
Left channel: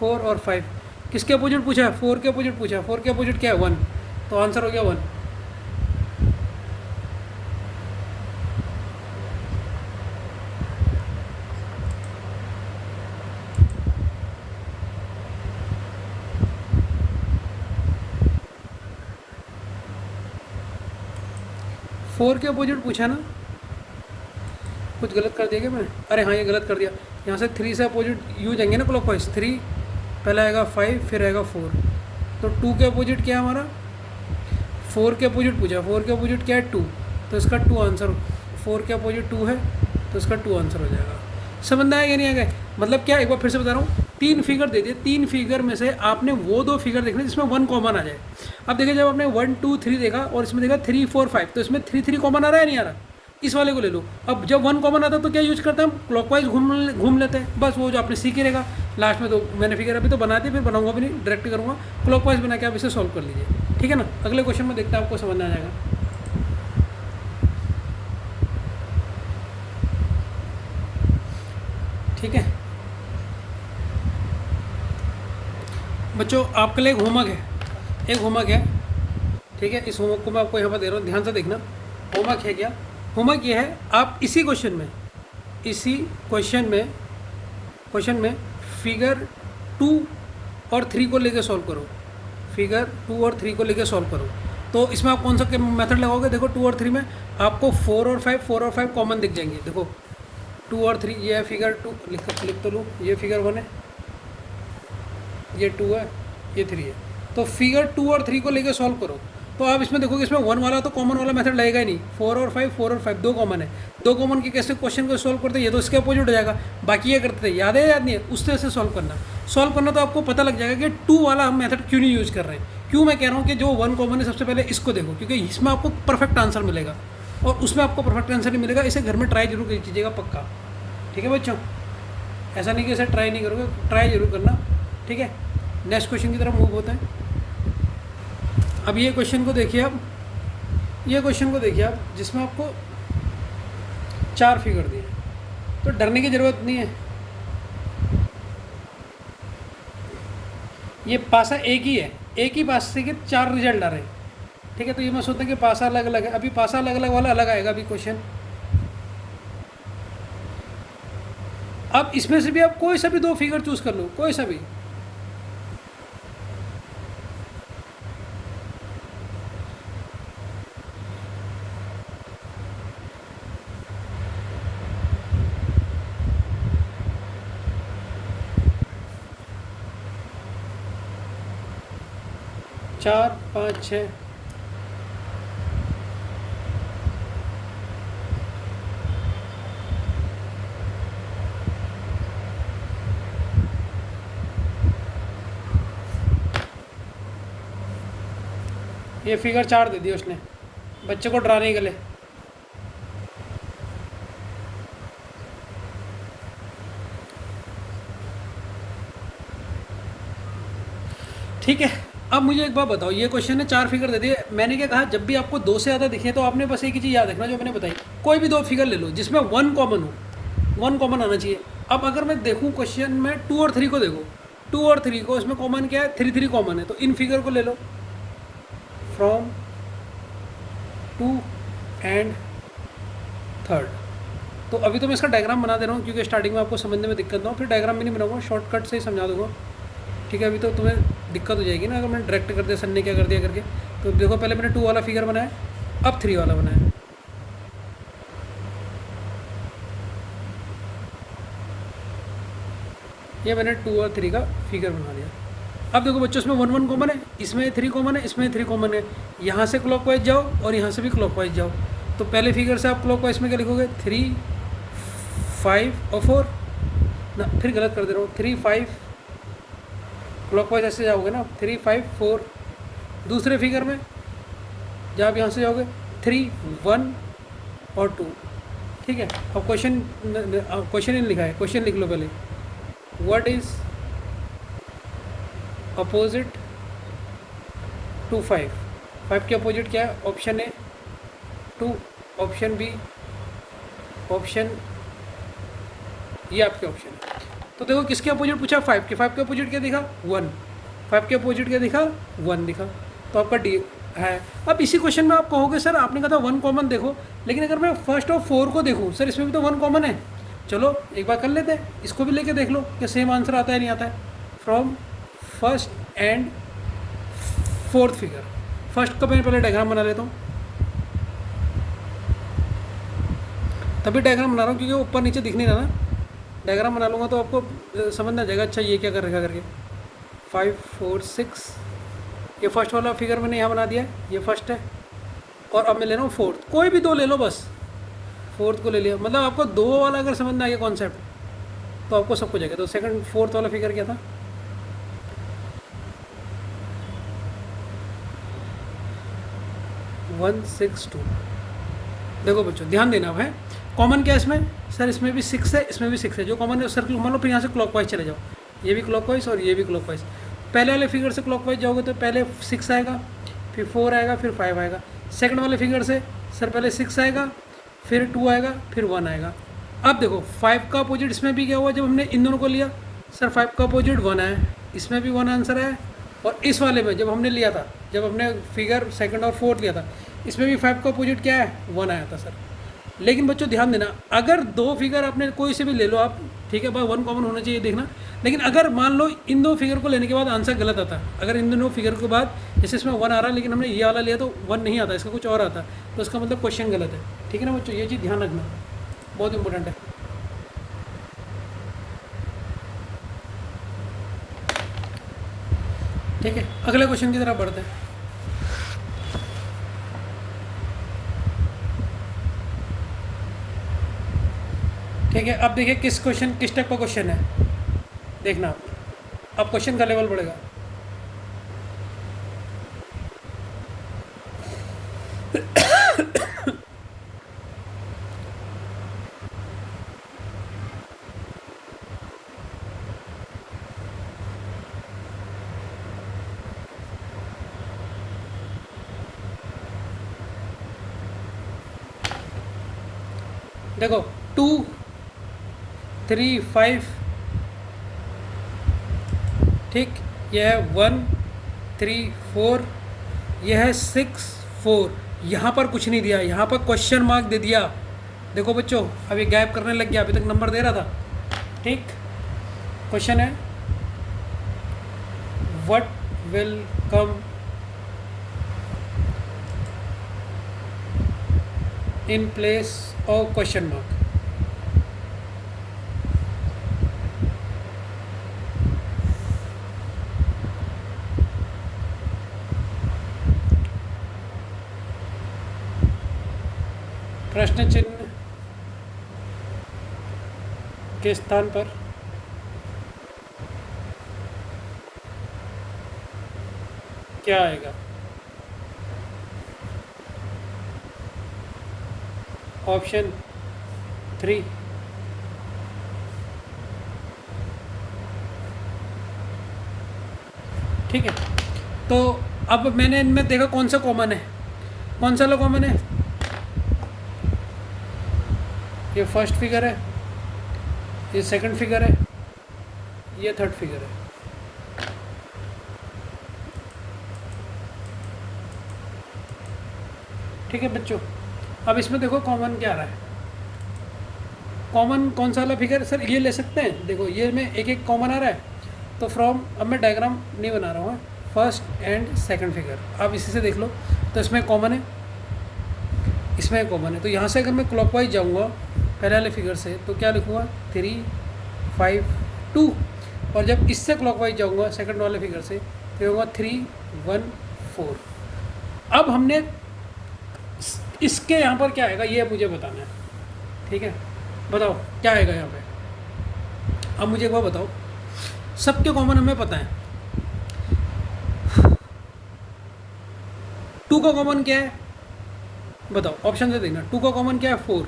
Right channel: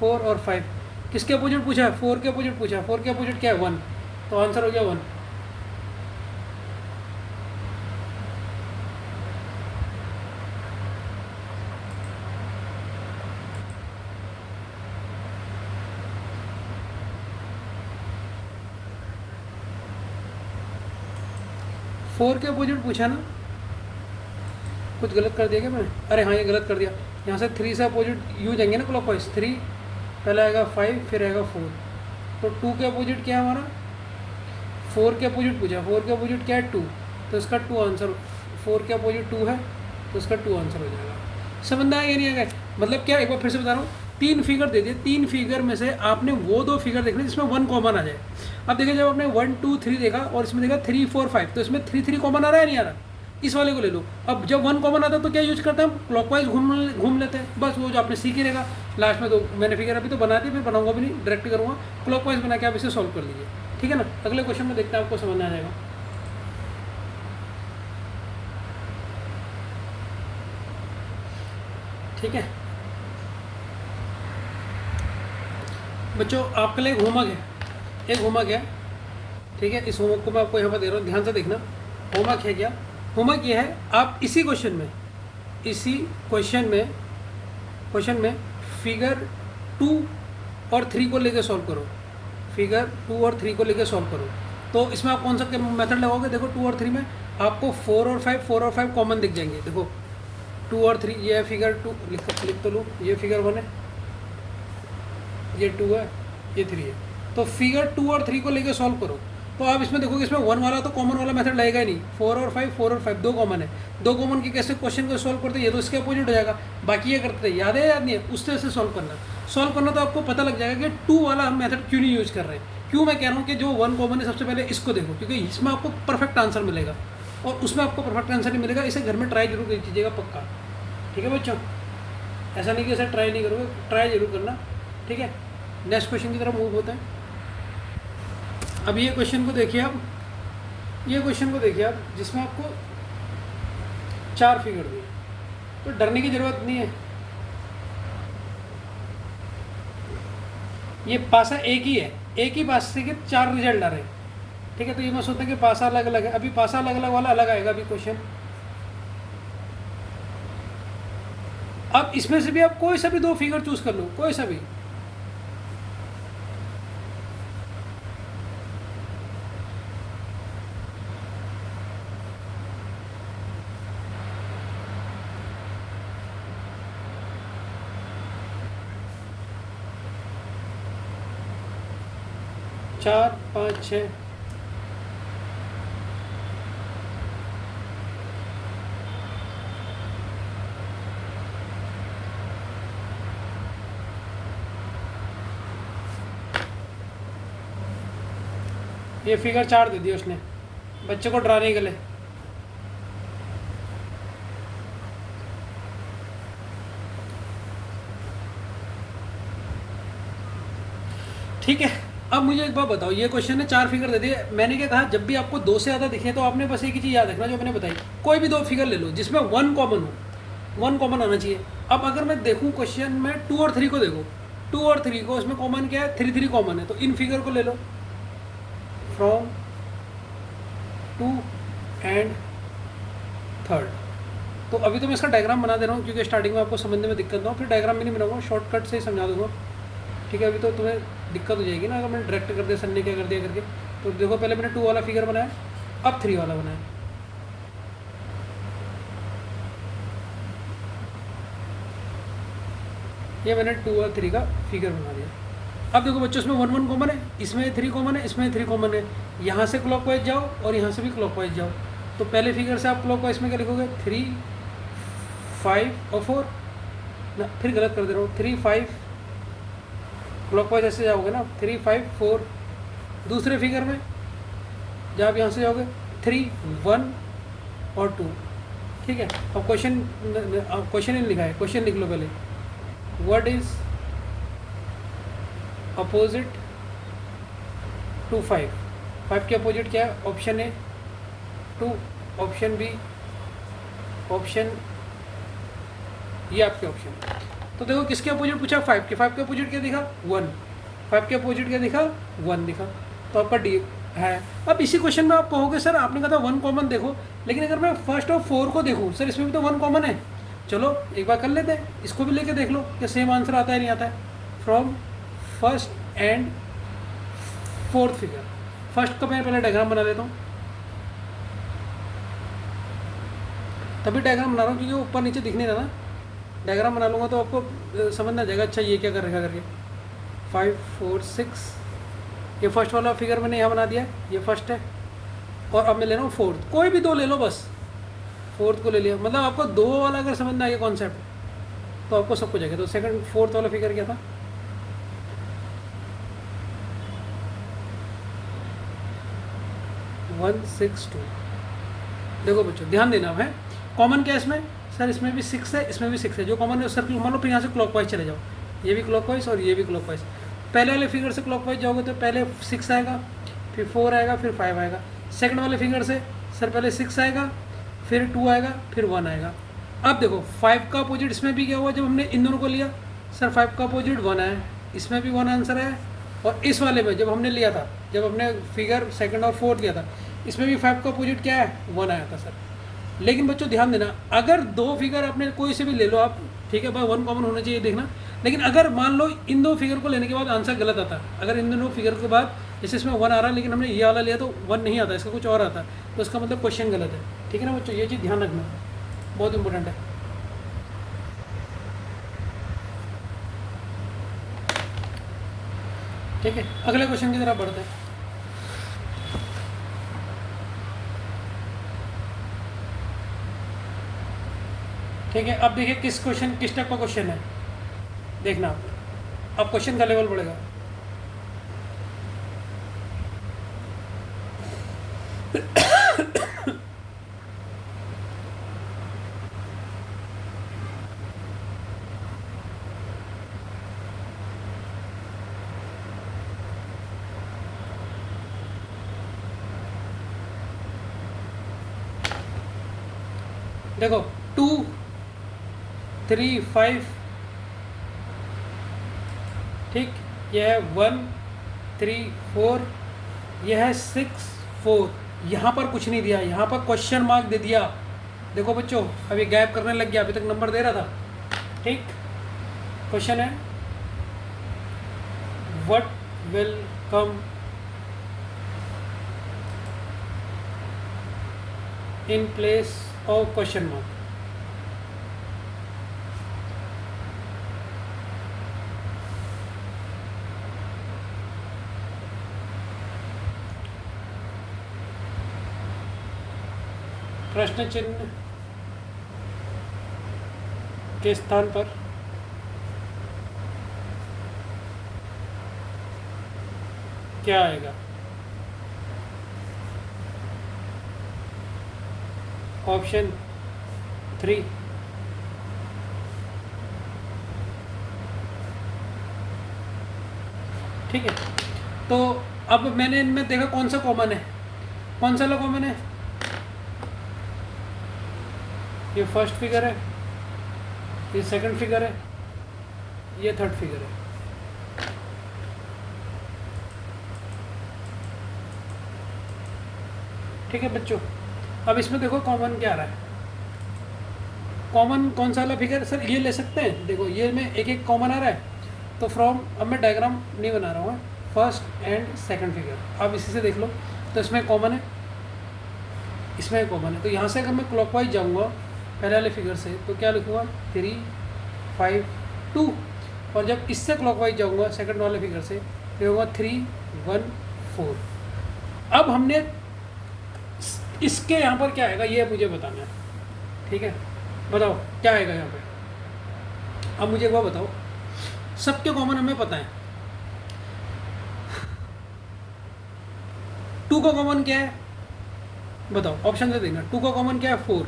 4 और 5। किसके अपोजिट पूछा है, 4 के अपोजिट पूछा है, 4 के अपोजिट क्या है 1, तो आंसर हो गया 1। फोर के अपोजिट पूछा ना, कुछ गलत कर दिया क्या मैंने, अरे हाँ ये गलत कर दिया, यहाँ से 3 से अपोजिट यूज आएंगे ना क्लॉकवाइज, 3 पहले आएगा 5 फिर आएगा 4, तो 2 के अपोजिट क्या है हमारा, 4 के अपोजिट पूछा, 4 के अपोजिट क्या है 2, तो इसका 2 आंसर, 4 के अपोजिट 2 है तो इसका 2 आंसर हो जाएगा। समझ में आएगा नहीं आएगा, मतलब क्या, एक बार फिर से बता रहा हूँ, 3 फिगर दे दिए, 3 फिगर में से आपने वो 2 फिगर देखने जिसमें 1 कॉमन आ जाए। अब देखिए जब आपने 1 2 3 देखा और इसमें देखा 3 4 5, तो इसमें 3 3 कॉमन आ रहा है नहीं आ रहा, इस वाले को ले लो। अब जब 1 कॉमन आता है तो क्या यूज़ करते हैं हम, क्लॉकवाइज घूम लेते हैं, बस वो जो आपने सीख ही रहेगा। लास्ट में तो मैंने फिगर अभी तो बनाते, फिर बनाऊंगा भी नहीं, डायरेक्ट करूँगा, क्लॉकवाइज बना के आप इसे सॉल्व कर लीजिए, ठीक है ना। अगले क्वेश्चन में देखते हैं आपको समझ में आ जाएगा। ठीक है बच्चों, आपके लिए एक होमवर्क है, ठीक है। इस होमवर्क को मैं आपको यहाँ पर दे रहा हूँ, ध्यान से देखना। होमवर्क है क्या, होमवर्क ये है, आप इसी क्वेश्चन में फिगर 2 और 3 को लेके सॉल्व करो, फिगर 2 और 3 को लेके सॉल्व करो। तो इसमें आप कौन सा मेथड लगाओगे, देखो 2 और 3 में आपको 4 और 5 कॉमन दिख जाएंगे। देखो 2 और 3, ये है फिगर 2, लिख तो लूँ, ये फिगर 1 है, ये 2 है, ये 3 है, तो फिगर 2 और 3 को लेके सॉल्व करो। तो आप इसमें देखोगे इसमें 1 वाला तो कॉमन वाला मेथड लगेगा ही नहीं। 4 और 5 दो कॉमन है, दो कॉमन की कैसे क्वेश्चन को सॉल्व करते हैं, ये तो इसके अपोजिट हो जाएगा। बाकी ये करते हैं, याद है याद नहीं है, उस तरह से सॉल्व करना तो आपको पता लग जाएगा कि 2 वाला हम मेथड क्यों नहीं यूज़ कर रहे हैं। क्यों मैं कह रहा हूँ कि जो 1 कॉमन है सबसे पहले इसको देखो, क्योंकि इसमें आपको परफेक्ट आंसर मिलेगा और उसमें आपको परफेक्ट आंसर नहीं मिलेगा। इसे घर में ट्राई जरूर कीजिएगा पक्का, ठीक है बच्चों। ऐसा नहीं कि इसे ट्राई नहीं करोगे, ट्राई जरूर करना, ठीक है। नेक्स्ट क्वेश्चन की तरफ मूव होते हैं। अब ये क्वेश्चन को देखिए आप, जिसमें आपको 4 फिगर दिए, तो डरने की ज़रूरत नहीं है। ये पासा एक ही है, एक ही पासे के 4 रिजल्ट आ रहे हैं, ठीक है। तो ये मैं सोचता हूँ कि पासा अलग अलग है, अभी पासा अलग अलग वाला अलग आएगा अभी क्वेश्चन। अब इसमें से भी आप कोई सा भी 2 फिगर चूज कर लो, कोई सा भी। चार, 5, 6, ये फिगर 4 दे दिया उसने बच्चे को डराने के लिए। ठीक है, अब मुझे एक बात बताओ, ये क्वेश्चन ने 4 फिगर दे दिए, मैंने क्या कहा, जब भी आपको 2 से ज़्यादा दिखे तो आपने बस एक ही चीज़ याद रखना जो मैंने बताई, कोई भी 2 फिगर ले लो जिसमें 1 कॉमन हो, 1 कॉमन आना चाहिए। अब अगर मैं देखूँ क्वेश्चन में 2 और 3 को देखो, 2 और 3 को, इसमें कॉमन क्या है, 3 कॉमन है, तो इन फिगर को ले लो फ्रॉम 2 एंड 3। तो अभी तो मैं इसका डायग्राम बना दे रहा हूँ क्योंकि स्टार्टिंग में आपको समझने में दिक्कत ना हो, फिर डायग्राम भी नहीं बनाऊंगा, शॉर्टकट से ही समझा दूंगा, ठीक है। अभी तो तुम्हें दिक्कत हो जाएगी ना अगर मैं डायरेक्ट कर दिया, सर ने क्या कर दिया करके। तो देखो पहले मैंने 2 वाला फिगर बनाया, अब 3 वाला बनाया। ये मैंने 2 और 3 का फिगर बना दिया। अब देखो बच्चों, इसमें 1 कॉमन है, इसमें 3 कॉमन है, इसमें 3 कॉमन है। यहाँ से क्लॉकवाइज जाओ और यहाँ से भी क्लॉकवाइज जाओ। तो पहले फिगर से आप क्लॉकवाइज में क्या लिखोगे, 3, 5 और 4 ना, फिर गलत कर दे रहा हूँ, 3, 5 क्लॉकवाइज ऐसे जाओगे ना, 3, 5, 4। दूसरे फिगर में जब आप यहाँ से जाओगे 3, 1 और 2, ठीक है। अब क्वेश्चन इन लिखा है, क्वेश्चन लिख लो पहले, व्हाट इज अपोजिट टू 5। 5 के अपोजिट क्या है, option A 2, option B, option, ये आपके ऑप्शन है। तो देखो किसके अपोजिट पूछा, 5 के। 5 के अपोजिट क्या दिखा, 1। 5 के अपोजिट क्या दिखा, 1 दिखा, तो आपका डी है। अब इसी क्वेश्चन में आप कहोगे सर आपने कहा था 1 कॉमन देखो, लेकिन अगर मैं फर्स्ट और 4 को देखूँ, सर इसमें भी तो 1 कॉमन है। चलो एक बार कर लेते हैं, इसको भी लेके देख लो कि सेम आंसर आता है नहीं आता है। From first and 4th figure, first का मैं पहले डायग्राम बना लेता हूँ, तभी डायग्राम बना रहा हूँ क्योंकि ऊपर नीचे दिख नहीं रहा ना। डायग्राम बना लूँगा तो आपको समझ में आ जाएगा, अच्छा ये क्या कर रखा करके। 5, 4, 6, ये फर्स्ट वाला फिगर मैंने यहाँ बना दिया, ये फर्स्ट है। और अब मैं ले रहा हूँ 4th, कोई भी 2 ले लो बस, 4th को ले लिया। मतलब आपको 2 वाला अगर समझ में आ गया कॉन्सेप्ट तो आपको सब कुछ आएगा। तो 4th वाला फिगर क्या था, 1, 6, 2। देखो बच्चों ध्यान देना है, कॉमन क्या है इसमें, सर इसमें भी 6 है, इसमें भी 6 है, जो कॉमन है सर्कल मान लो, फिर यहाँ से क्लॉकवाइज चले जाओ, ये भी क्लॉकवाइज और ये भी क्लॉकवाइज। पहले वाले फिगर से क्लॉकवाइज जाओगे तो पहले 6 आएगा, फिर 4 आएगा, फिर 5 आएगा। सेकंड वाले फिगर से सर पहले 6 आएगा, फिर 2 आएगा, फिर 1 आएगा। अब देखो 5 का अपोजिट इसमें भी क्या हुआ, जब हमने इन दोनों को लिया, सर 5 का अपोजिट 1 आया, इसमें भी 1 आंसर आया। और इस वाले में जब हमने लिया था, जब हमने फिगर सेकंड और 4th लिया था, इसमें भी 5 का अपोजिट क्या है, 1 आया था सर। लेकिन बच्चों ध्यान देना, अगर 2 फिगर आपने कोई से भी ले लो आप, ठीक है, बस 1 कॉमन होना चाहिए देखना। लेकिन अगर मान लो इन 2 फिगर को लेने के बाद आंसर गलत आता है, अगर इन दोनों फिगर के बाद जैसे इसमें 1 आ रहा है लेकिन हमने ये वाला लिया तो 1 नहीं आता, इसका कुछ और आता, तो उसका मतलब क्वेश्चन गलत है, ठीक है ना बच्चों। ये चीज़ ध्यान रखना, बहुत इंपॉर्टेंट है। ठीक है, अगले क्वेश्चन की तरफ बढ़ते हैं। ठीक है, अब देखिए किस टाइप का क्वेश्चन है, देखना अब क्वेश्चन का लेवल बढ़ेगा। देखो 2 3 5, ठीक, यह है 1 3 4, यह है 6 4। यहाँ पर कुछ नहीं दिया, यहाँ पर क्वेश्चन मार्क दे दिया। देखो बच्चों, अब ये गैप करने लग गया, अभी तक नंबर दे रहा था। ठीक, क्वेश्चन है what will come in place of question mark. प्रश्न चिन्ह के स्थान पर क्या आएगा? ऑप्शन 3 ठीक है। तो अब मैंने इनमें देखा कौन सा कॉमन है, कौन सा लो कॉमन है। ये फर्स्ट फिगर है, ये सेकंड फिगर है, ये थर्ड फिगर है। ठीक है बच्चों, अब इसमें देखो कॉमन क्या आ रहा है। कॉमन कौन सा वाला फिगर सर ये ले सकते हैं? देखो ये में एक एक कॉमन आ रहा है, तो फ्रॉम, अब मैं डायग्राम नहीं बना रहा हूँ, फर्स्ट एंड सेकंड फिगर अब इसी से देख लो। तो इसमें कॉमन है, इसमें कॉमन है, तो यहाँ से अगर मैं क्लॉकवाइज जाऊँगा पहले वाले फिगर से, तो क्या लिखूँगा 3 5 2, और जब इससे क्लॉकवाइज जाऊँगा सेकंड वाले फिगर से, तो होगा 3 1 4। अब हमने इसके यहाँ पर क्या आएगा ये मुझे बताना है। ठीक है, बताओ क्या आएगा यहाँ पे। अब मुझे एक बार बताओ, सबके कॉमन हमें पता है, 2 का कॉमन क्या है बताओ, ऑप्शन से देना। 2 का कॉमन क्या है 4।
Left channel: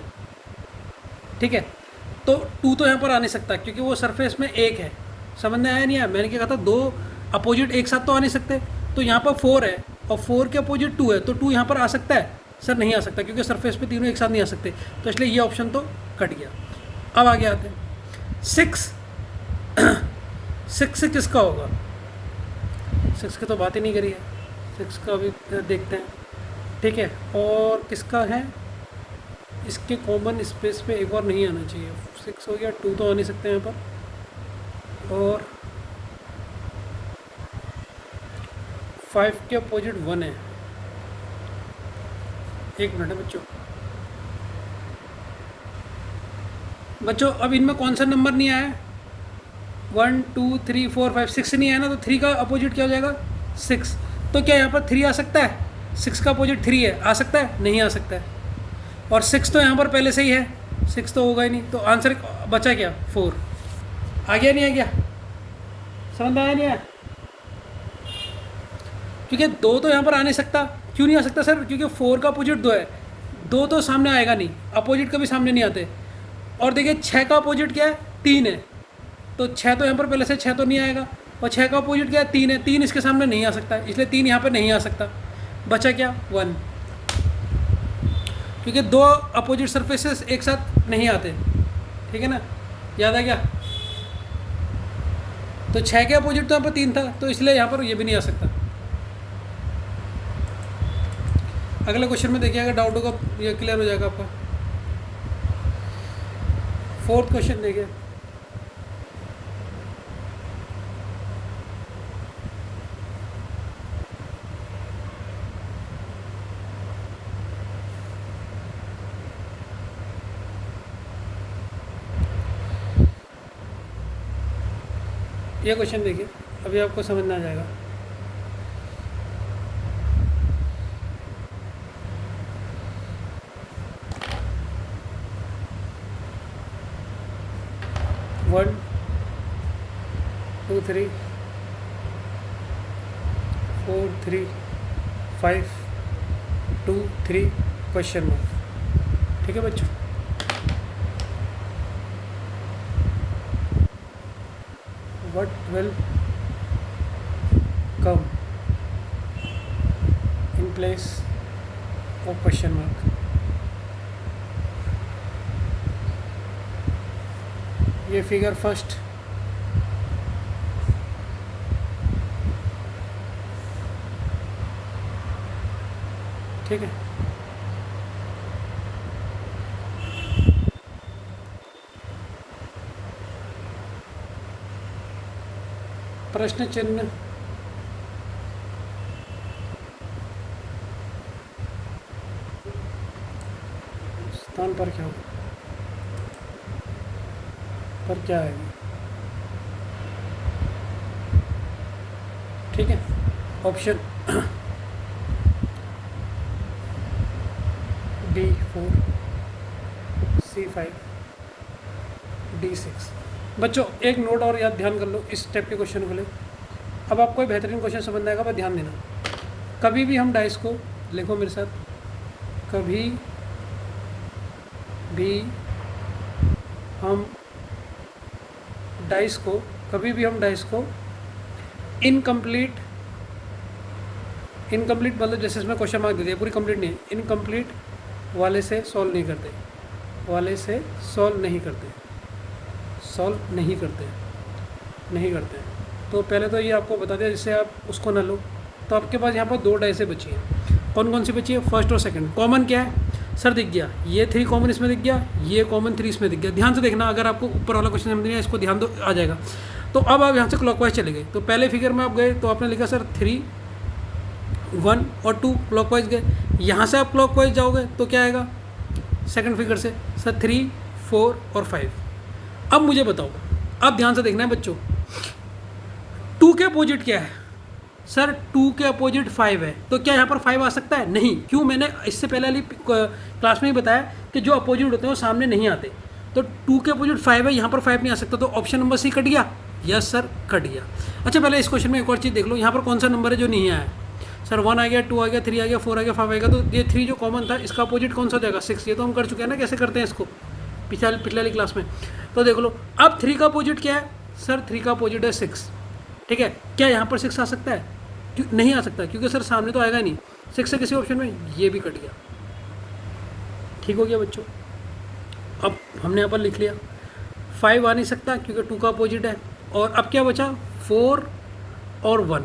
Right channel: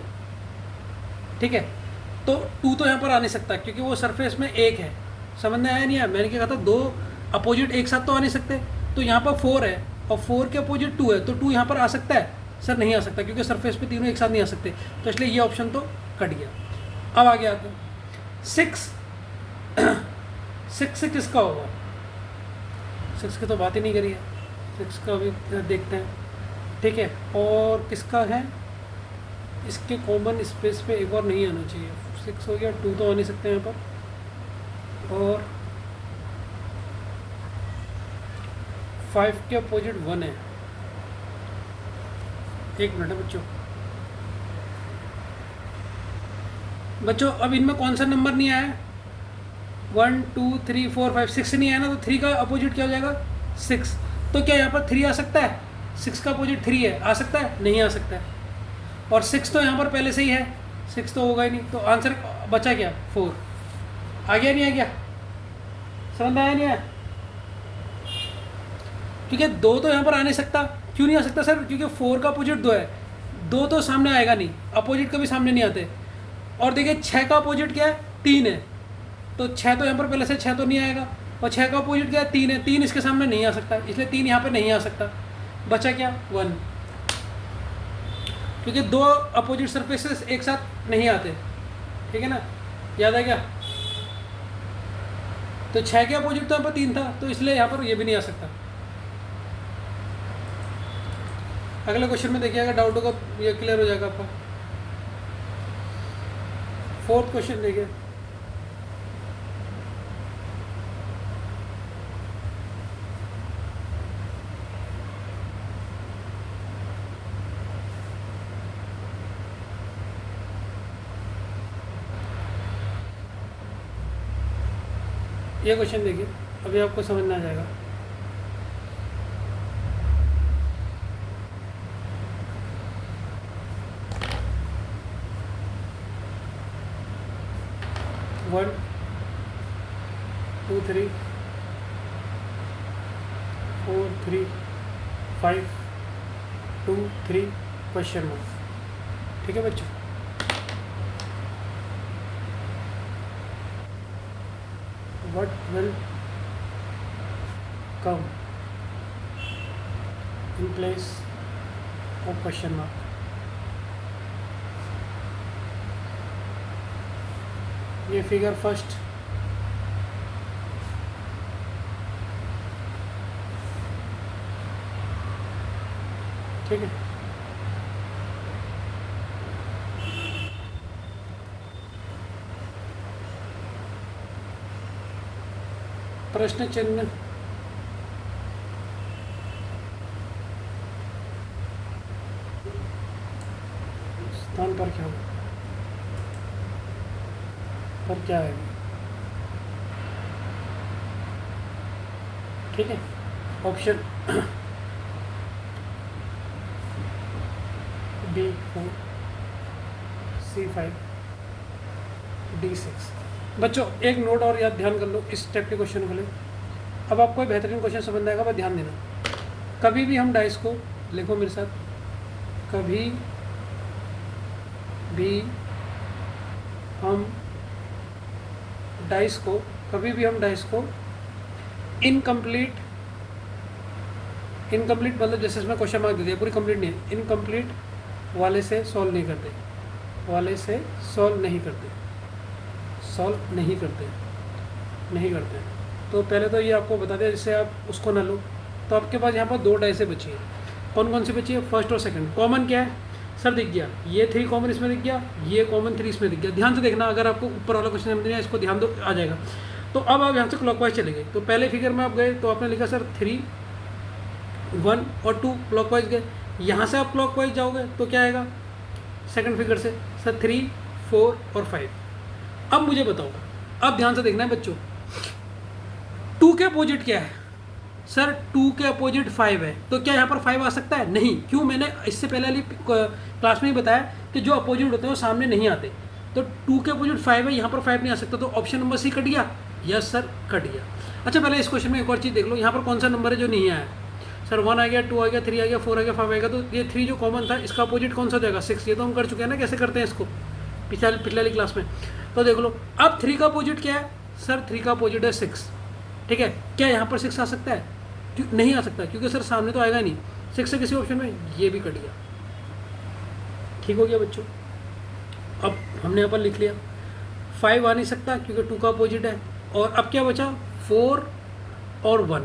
ठीक है, तो 2 तो यहाँ पर आ नहीं सकता क्योंकि वो सरफेस में एक है। समझ में आया नहीं आया? मैंने क्या कहा था, 2 अपोजिट एक साथ तो आ नहीं सकते, तो यहाँ पर 4 है और 4 के अपोजिट 2 है, तो 2 यहाँ पर आ सकता है सर? नहीं आ सकता क्योंकि सरफेस पे तीनों एक साथ नहीं आ सकते, तो इसलिए ये ऑप्शन तो कट गया। अब आगे आते हैं 6 6 से किसका होगा? 6 की तो बात ही नहीं करी है, 6 का अभी देखते हैं। ठीक है, और किसका है, इसके कॉमन स्पेस पे एक बार नहीं आना चाहिए। 6 हो गया, 2 तो आ नहीं सकते यहाँ पर, और 5 के अपोजिट 1 है। एक मिनट बच्चों, अब इनमें कौन सा नंबर नहीं आया? 1 2 3 4 5 6 नहीं आया ना, तो 3 का अपोजिट क्या हो जाएगा 6। तो क्या यहाँ पर 3 आ सकता है? 6 का अपोजिट 3 है, आ सकता है? नहीं आ सकता है। और 6 तो यहाँ पर पहले से ही है, 6 तो होगा ही नहीं, तो आंसर बचा क्या 4। आ गया नहीं आ गया? समझ में आया नहीं आया? क्योंकि 2 तो यहाँ पर आ नहीं सकता। क्यों नहीं आ सकता सर? क्योंकि 4 का अपोजिट 2 है, 2 तो सामने आएगा नहीं, अपोजिट कभी सामने नहीं आते। और देखिए 6 का अपोजिट क्या है 3 है, तो 6 तो यहाँ पर पहले से 6 तो नहीं आएगा, और 6 का अपोजिट क्या है 3 है, 3 इसके सामने नहीं आ सकता, इसलिए 3 यहाँ पर नहीं आ सकता। बचा क्या 1, क्योंकि 2 अपोजिट सरफेसेस एक साथ नहीं आते। ठीक है ना, याद आ गया? तो 6 के अपोजिट तो यहाँ पर 3 था, तो इसलिए यहाँ पर ये भी नहीं आ सकता। अगले क्वेश्चन में देखिए, अगर डाउट होगा ये क्लियर हो जाएगा आपका। 4th क्वेश्चन देखिए, ये क्वेश्चन देखिए, अभी आपको समझ में आ जाएगा। 1 2 3 4 3 5 2 3 क्वेश्चन मार्क। ठीक है बच्चों, what will come in place of question mark? ये फिगर फर्स्ट ठीक है। प्रश्न चिन्ह स्थान पर क्या होगा और क्या आएगी? ठीक है, ऑप्शन D4 C5 D6। बच्चों एक नोट और याद ध्यान कर लो इस टाइप के क्वेश्चन को ले। अब आपको बेहतरीन क्वेश्चन समझ आएगा, पर ध्यान देना। कभी भी हम डाइस को, लिखो मेरे साथ, कभी भी हम डाइस को इनकम्प्लीट मतलब जैसे इसमें क्वेश्चन मार्क दे दिया, पूरी कंप्लीट नहीं है, इनकम्प्लीट वाले से सॉल्व नहीं करते, नहीं करते। तो पहले तो ये आपको बता दें, जिससे आप उसको न लो। तो आपके पास यहाँ पर 2 डाइसें बची हैं। कौन कौन सी बची है? फर्स्ट और सेकंड। कॉमन क्या है सर? दिख गया, ये 3 कॉमन इसमें दिख गया, ये कॉमन 3 इसमें दिख गया। ध्यान से देखना, अगर आपको ऊपर वाला क्वेश्चन समझ नहीं है, इसको ध्यान दो, आ जाएगा। तो अब आप यहाँ से क्लॉकवाइज चले गए। तो पहले फिगर में आप गए तो आपने लिखा सर 3 1 और 2 क्लॉकवाइज गए। यहाँ से आप क्लॉकवाइज जाओगे तो क्या आएगा? सेकंड फिगर से सर 3 4 और 5। अब मुझे बताओ, अब ध्यान से देखना है बच्चों, 2 के अपोजिट क्या है? सर 2 के अपोजिट 5 है। तो क्या यहाँ पर 5 आ सकता है? नहीं। क्यों? मैंने इससे पहले वाली क्लास में ही बताया कि जो अपोजिट होते हैं वो सामने नहीं आते। तो 2 के अपोजिट 5 है, यहाँ पर 5 नहीं आ सकता। तो ऑप्शन नंबर सी कट गया। यस सर, कट गया। अच्छा, पहले इस क्वेश्चन में एक और चीज़ देख लो, यहाँ पर कौन सा नंबर है जो नहीं आया? सर 1 आ गया, 2 आ गया, 3 आ गया, 4 आ गया, 5 आएगा। तो ये 3 जो कॉमन था, इसका अपोजिट कौन सा जाएगा? 6। ये तो हम कर चुके हैं ना, कैसे करते हैं इसको पिछले वाली क्लास में। तो देख लो, अब 3 का अपोजिट क्या है? सर 3 का अपोजिट है 6। ठीक है, क्या यहाँ पर 6 आ सकता है? नहीं आ सकता, क्योंकि सर सामने तो आएगा नहीं। 6 से किसी ऑप्शन में, ये भी कट गया। ठीक हो गया बच्चों। अब हमने यहाँ पर लिख लिया 5 आ नहीं सकता क्योंकि 2 का अपोजिट है। और अब क्या बचा? 4 और 1।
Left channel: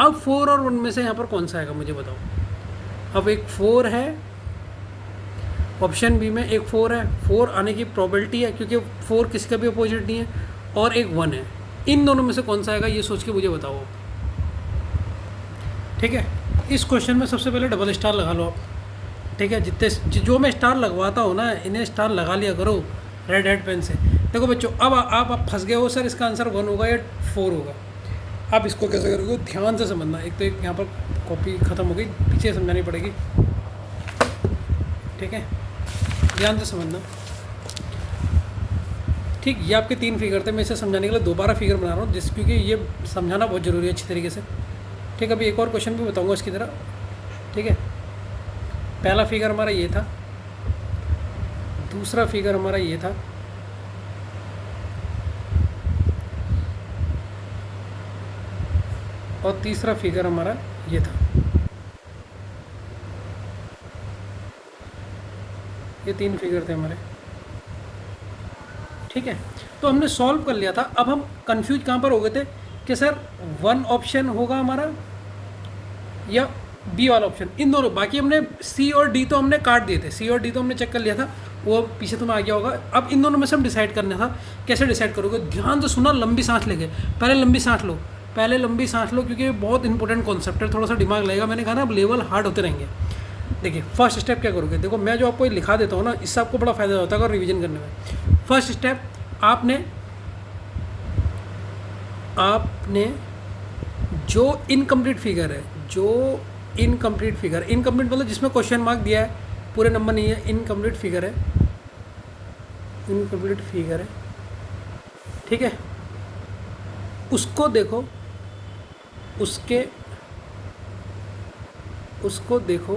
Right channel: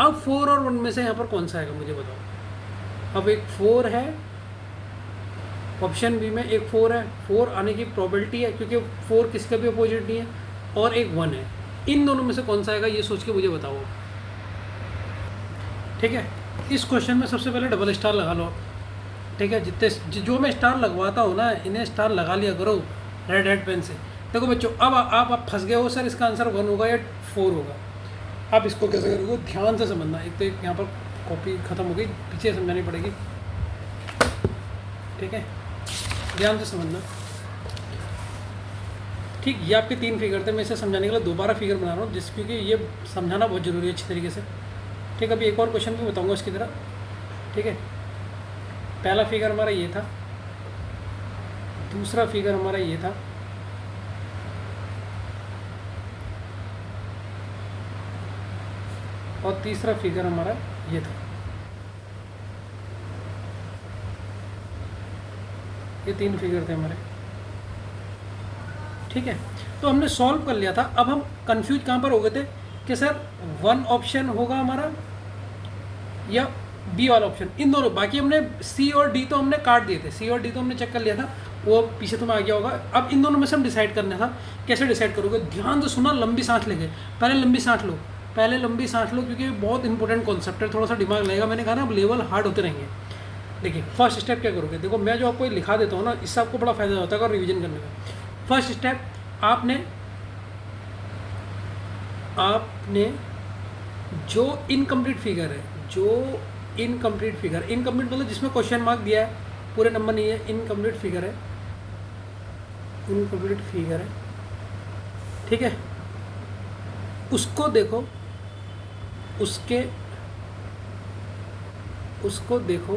अब 4 और 1 में से यहाँ पर कौन सा आएगा मुझे बताओ। अब एक 4 है ऑप्शन बी में, एक 4 है। 4 आने की प्रोबेबिलिटी है क्योंकि 4 किसी का भी अपोजिट नहीं है, और एक 1 है। इन दोनों में से कौन सा आएगा ये सोच के मुझे बताओ। ठीक है, इस क्वेश्चन में सबसे पहले डबल स्टार लगा लो आप। ठीक है, जितने जो मैं स्टार लगवाता हूँ ना, इन्हें स्टार लगा लिया करो रेड हेड पेन से। देखो बच्चों, अब आप फंस गए हो सर, इसका आंसर 1 होगा या 4 होगा। आप इसको कैसे करोगे? ध्यान से समझना। एक तो यहाँ पर कॉपी ख़त्म हो गई, पीछे समझानी पड़ेगी। ठीक है, ध्यान से समझना। ठीक, ये आपके 3 फिगर थे। मैं इसे समझाने के लिए दोबारा फिगर बना रहा हूँ, क्योंकि ये समझाना बहुत ज़रूरी है अच्छी तरीके से। ठीक है, अभी एक और क्वेश्चन भी बताऊँगा इसकी तरह। ठीक है, पहला फिगर हमारा ये था, दूसरा फिगर हमारा ये था, और तीसरा फिगर हमारा ये था। ये 3 फिगर थे हमारे। ठीक है, तो हमने सॉल्व कर लिया था। अब हम कंफ्यूज कहाँ पर हो गए थे कि सर 1 ऑप्शन होगा हमारा या बी वाला ऑप्शन, इन दोनों। बाकी हमने सी और डी तो हमने काट दिए थे, सी और डी तो हमने चेक कर लिया था, वो पीछे तुम्हें आ गया होगा। अब इन दोनों में से हम डिसाइड करना था। कैसे डिसाइड करोगे? ध्यान से सुना, लंबी सांस लेके। पहले लंबी सांस लो, क्योंकि बहुत इंपॉर्टेंट कॉन्सेप्ट है। थोड़ा सा दिमाग लगेगा। मैंने कहा ना, अब लेवल हार्ड होते रहेंगे। देखिए, फर्स्ट स्टेप क्या करोगे? देखो, मैं जो आपको लिखा देता हूँ ना, इससे आपको बड़ा फ़ायदा होता है अगर रिवीजन करने में। फर्स्ट स्टेप, आपने जो इनकम्प्लीट फिगर है, इनकम्प्लीट मतलब जिसमें क्वेश्चन मार्क दिया है, पूरे नंबर नहीं है, इनकम्प्लीट फिगर है। ठीक है, उसको देखो, उसको देखो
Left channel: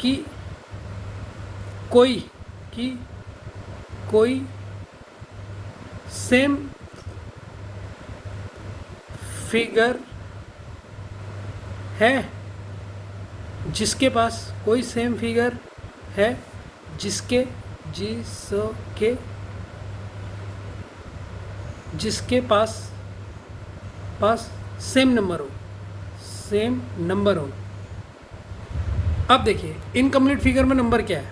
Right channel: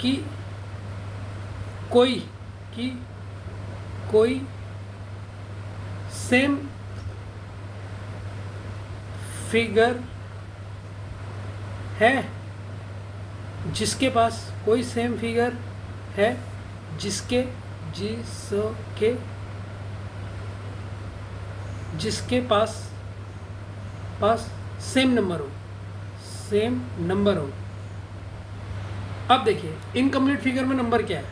कि कोई सेम फिगर है जिसके पास कोई सेम फिगर है जिसके पास सेम नंबर हो। अब देखिए इनकम्प्लीट फिगर में नंबर क्या है,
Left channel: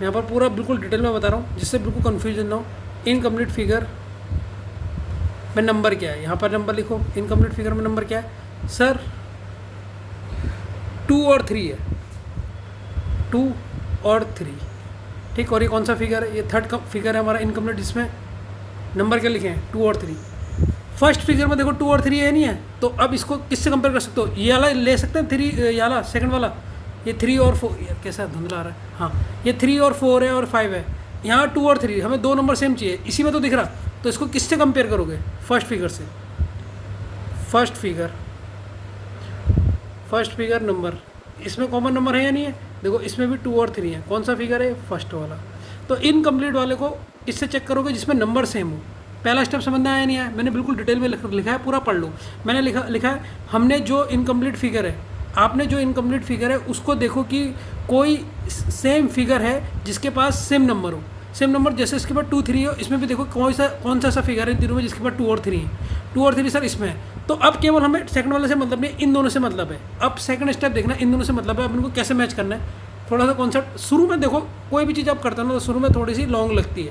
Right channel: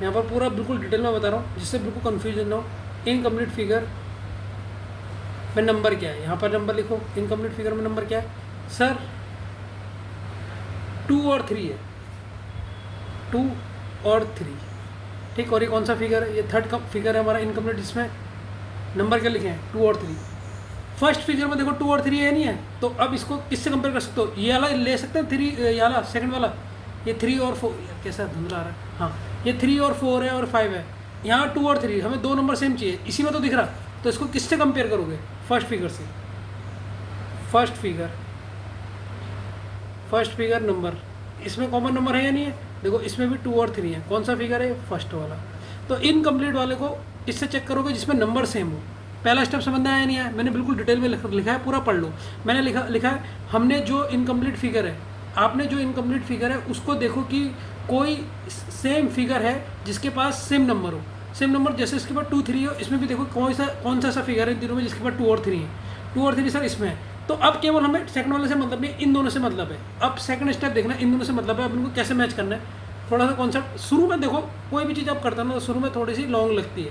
यहाँ पर पूरा बिल्कुल डिटेल में बता रहा हूँ जिससे बिल्कुल कन्फ्यूजन ना हो। इनकम्प्लीट फिगर में नंबर क्या है, यहाँ पर नंबर लिखो। इनकम्प्लीट फिगर में नंबर क्या है सर? 2 और 3 है, 2 और 3, ठीक। और ये कौन सा फिगर है? ये थर्ड का फिगर है हमारा इनकम्प्लीट, जिसमें नंबर क्या लिखे हैं? 2 और 3। फर्स्ट फिगर में देखो 2 और 3 है नहीं है, तो अब इसको किससे कंपेयर कर सकते हो? ये वाला ले सकते हैं 3, ये वाला सेकंड वाला, ये 3 और 4, यार कैसा धुंधला आ रहा है। हाँ, ये 3 और 4 है और 5 है, यहाँ 2 और 3, हमें 2 नंबर सेम चाहिए, इसी में तो दिख रहा। तो इसको किससे कंपेयर करोगे? फर्स्ट फिगर से। फर्स्ट फिगर नंबर, इसमें कॉमन नंबर है या नहीं है? देखो इसमें भी 2 और 3 है, कौन सा फिगर है? फर्स्ट वाला। तो इनकम्प्लीट वाले को इससे चेक करोगे जिसमें नंबर सेम हो। पहला स्टेप समझ में आया नहीं है? मैंने बिल्कुल डिटेल में लिखा है, पूरा पढ़ लो। मैंने लिखा है हमने जो इनकम्प्लीट फिगर है, आपने जो इनकम्प्लीट फिगर है उसको देखो कि कोई सेम फिगर है जिसके पास सेम नंबर हो। सेम नंबर जैसे इसके पास 2 3 हो, इसमें भी देखो कौन सा फिगर है इन तीनों में जिसके पास 2 और 3 है। 2 और 3 सर इसमें है। तो अब केवल हमें सेकंड वाले से मतलब नहीं, इन दोनों से मतलब है। अब सेकंड स्टेप देखना, इन दोनों से मतलब है। अब इनको कैसे मैच करना है, थोड़ा सा कॉन्सेप्ट शुरू में देखो। कोई भी चीज़ आप करते हो ना तो शुरू में थोड़ी सी लॉन्ग लगती है।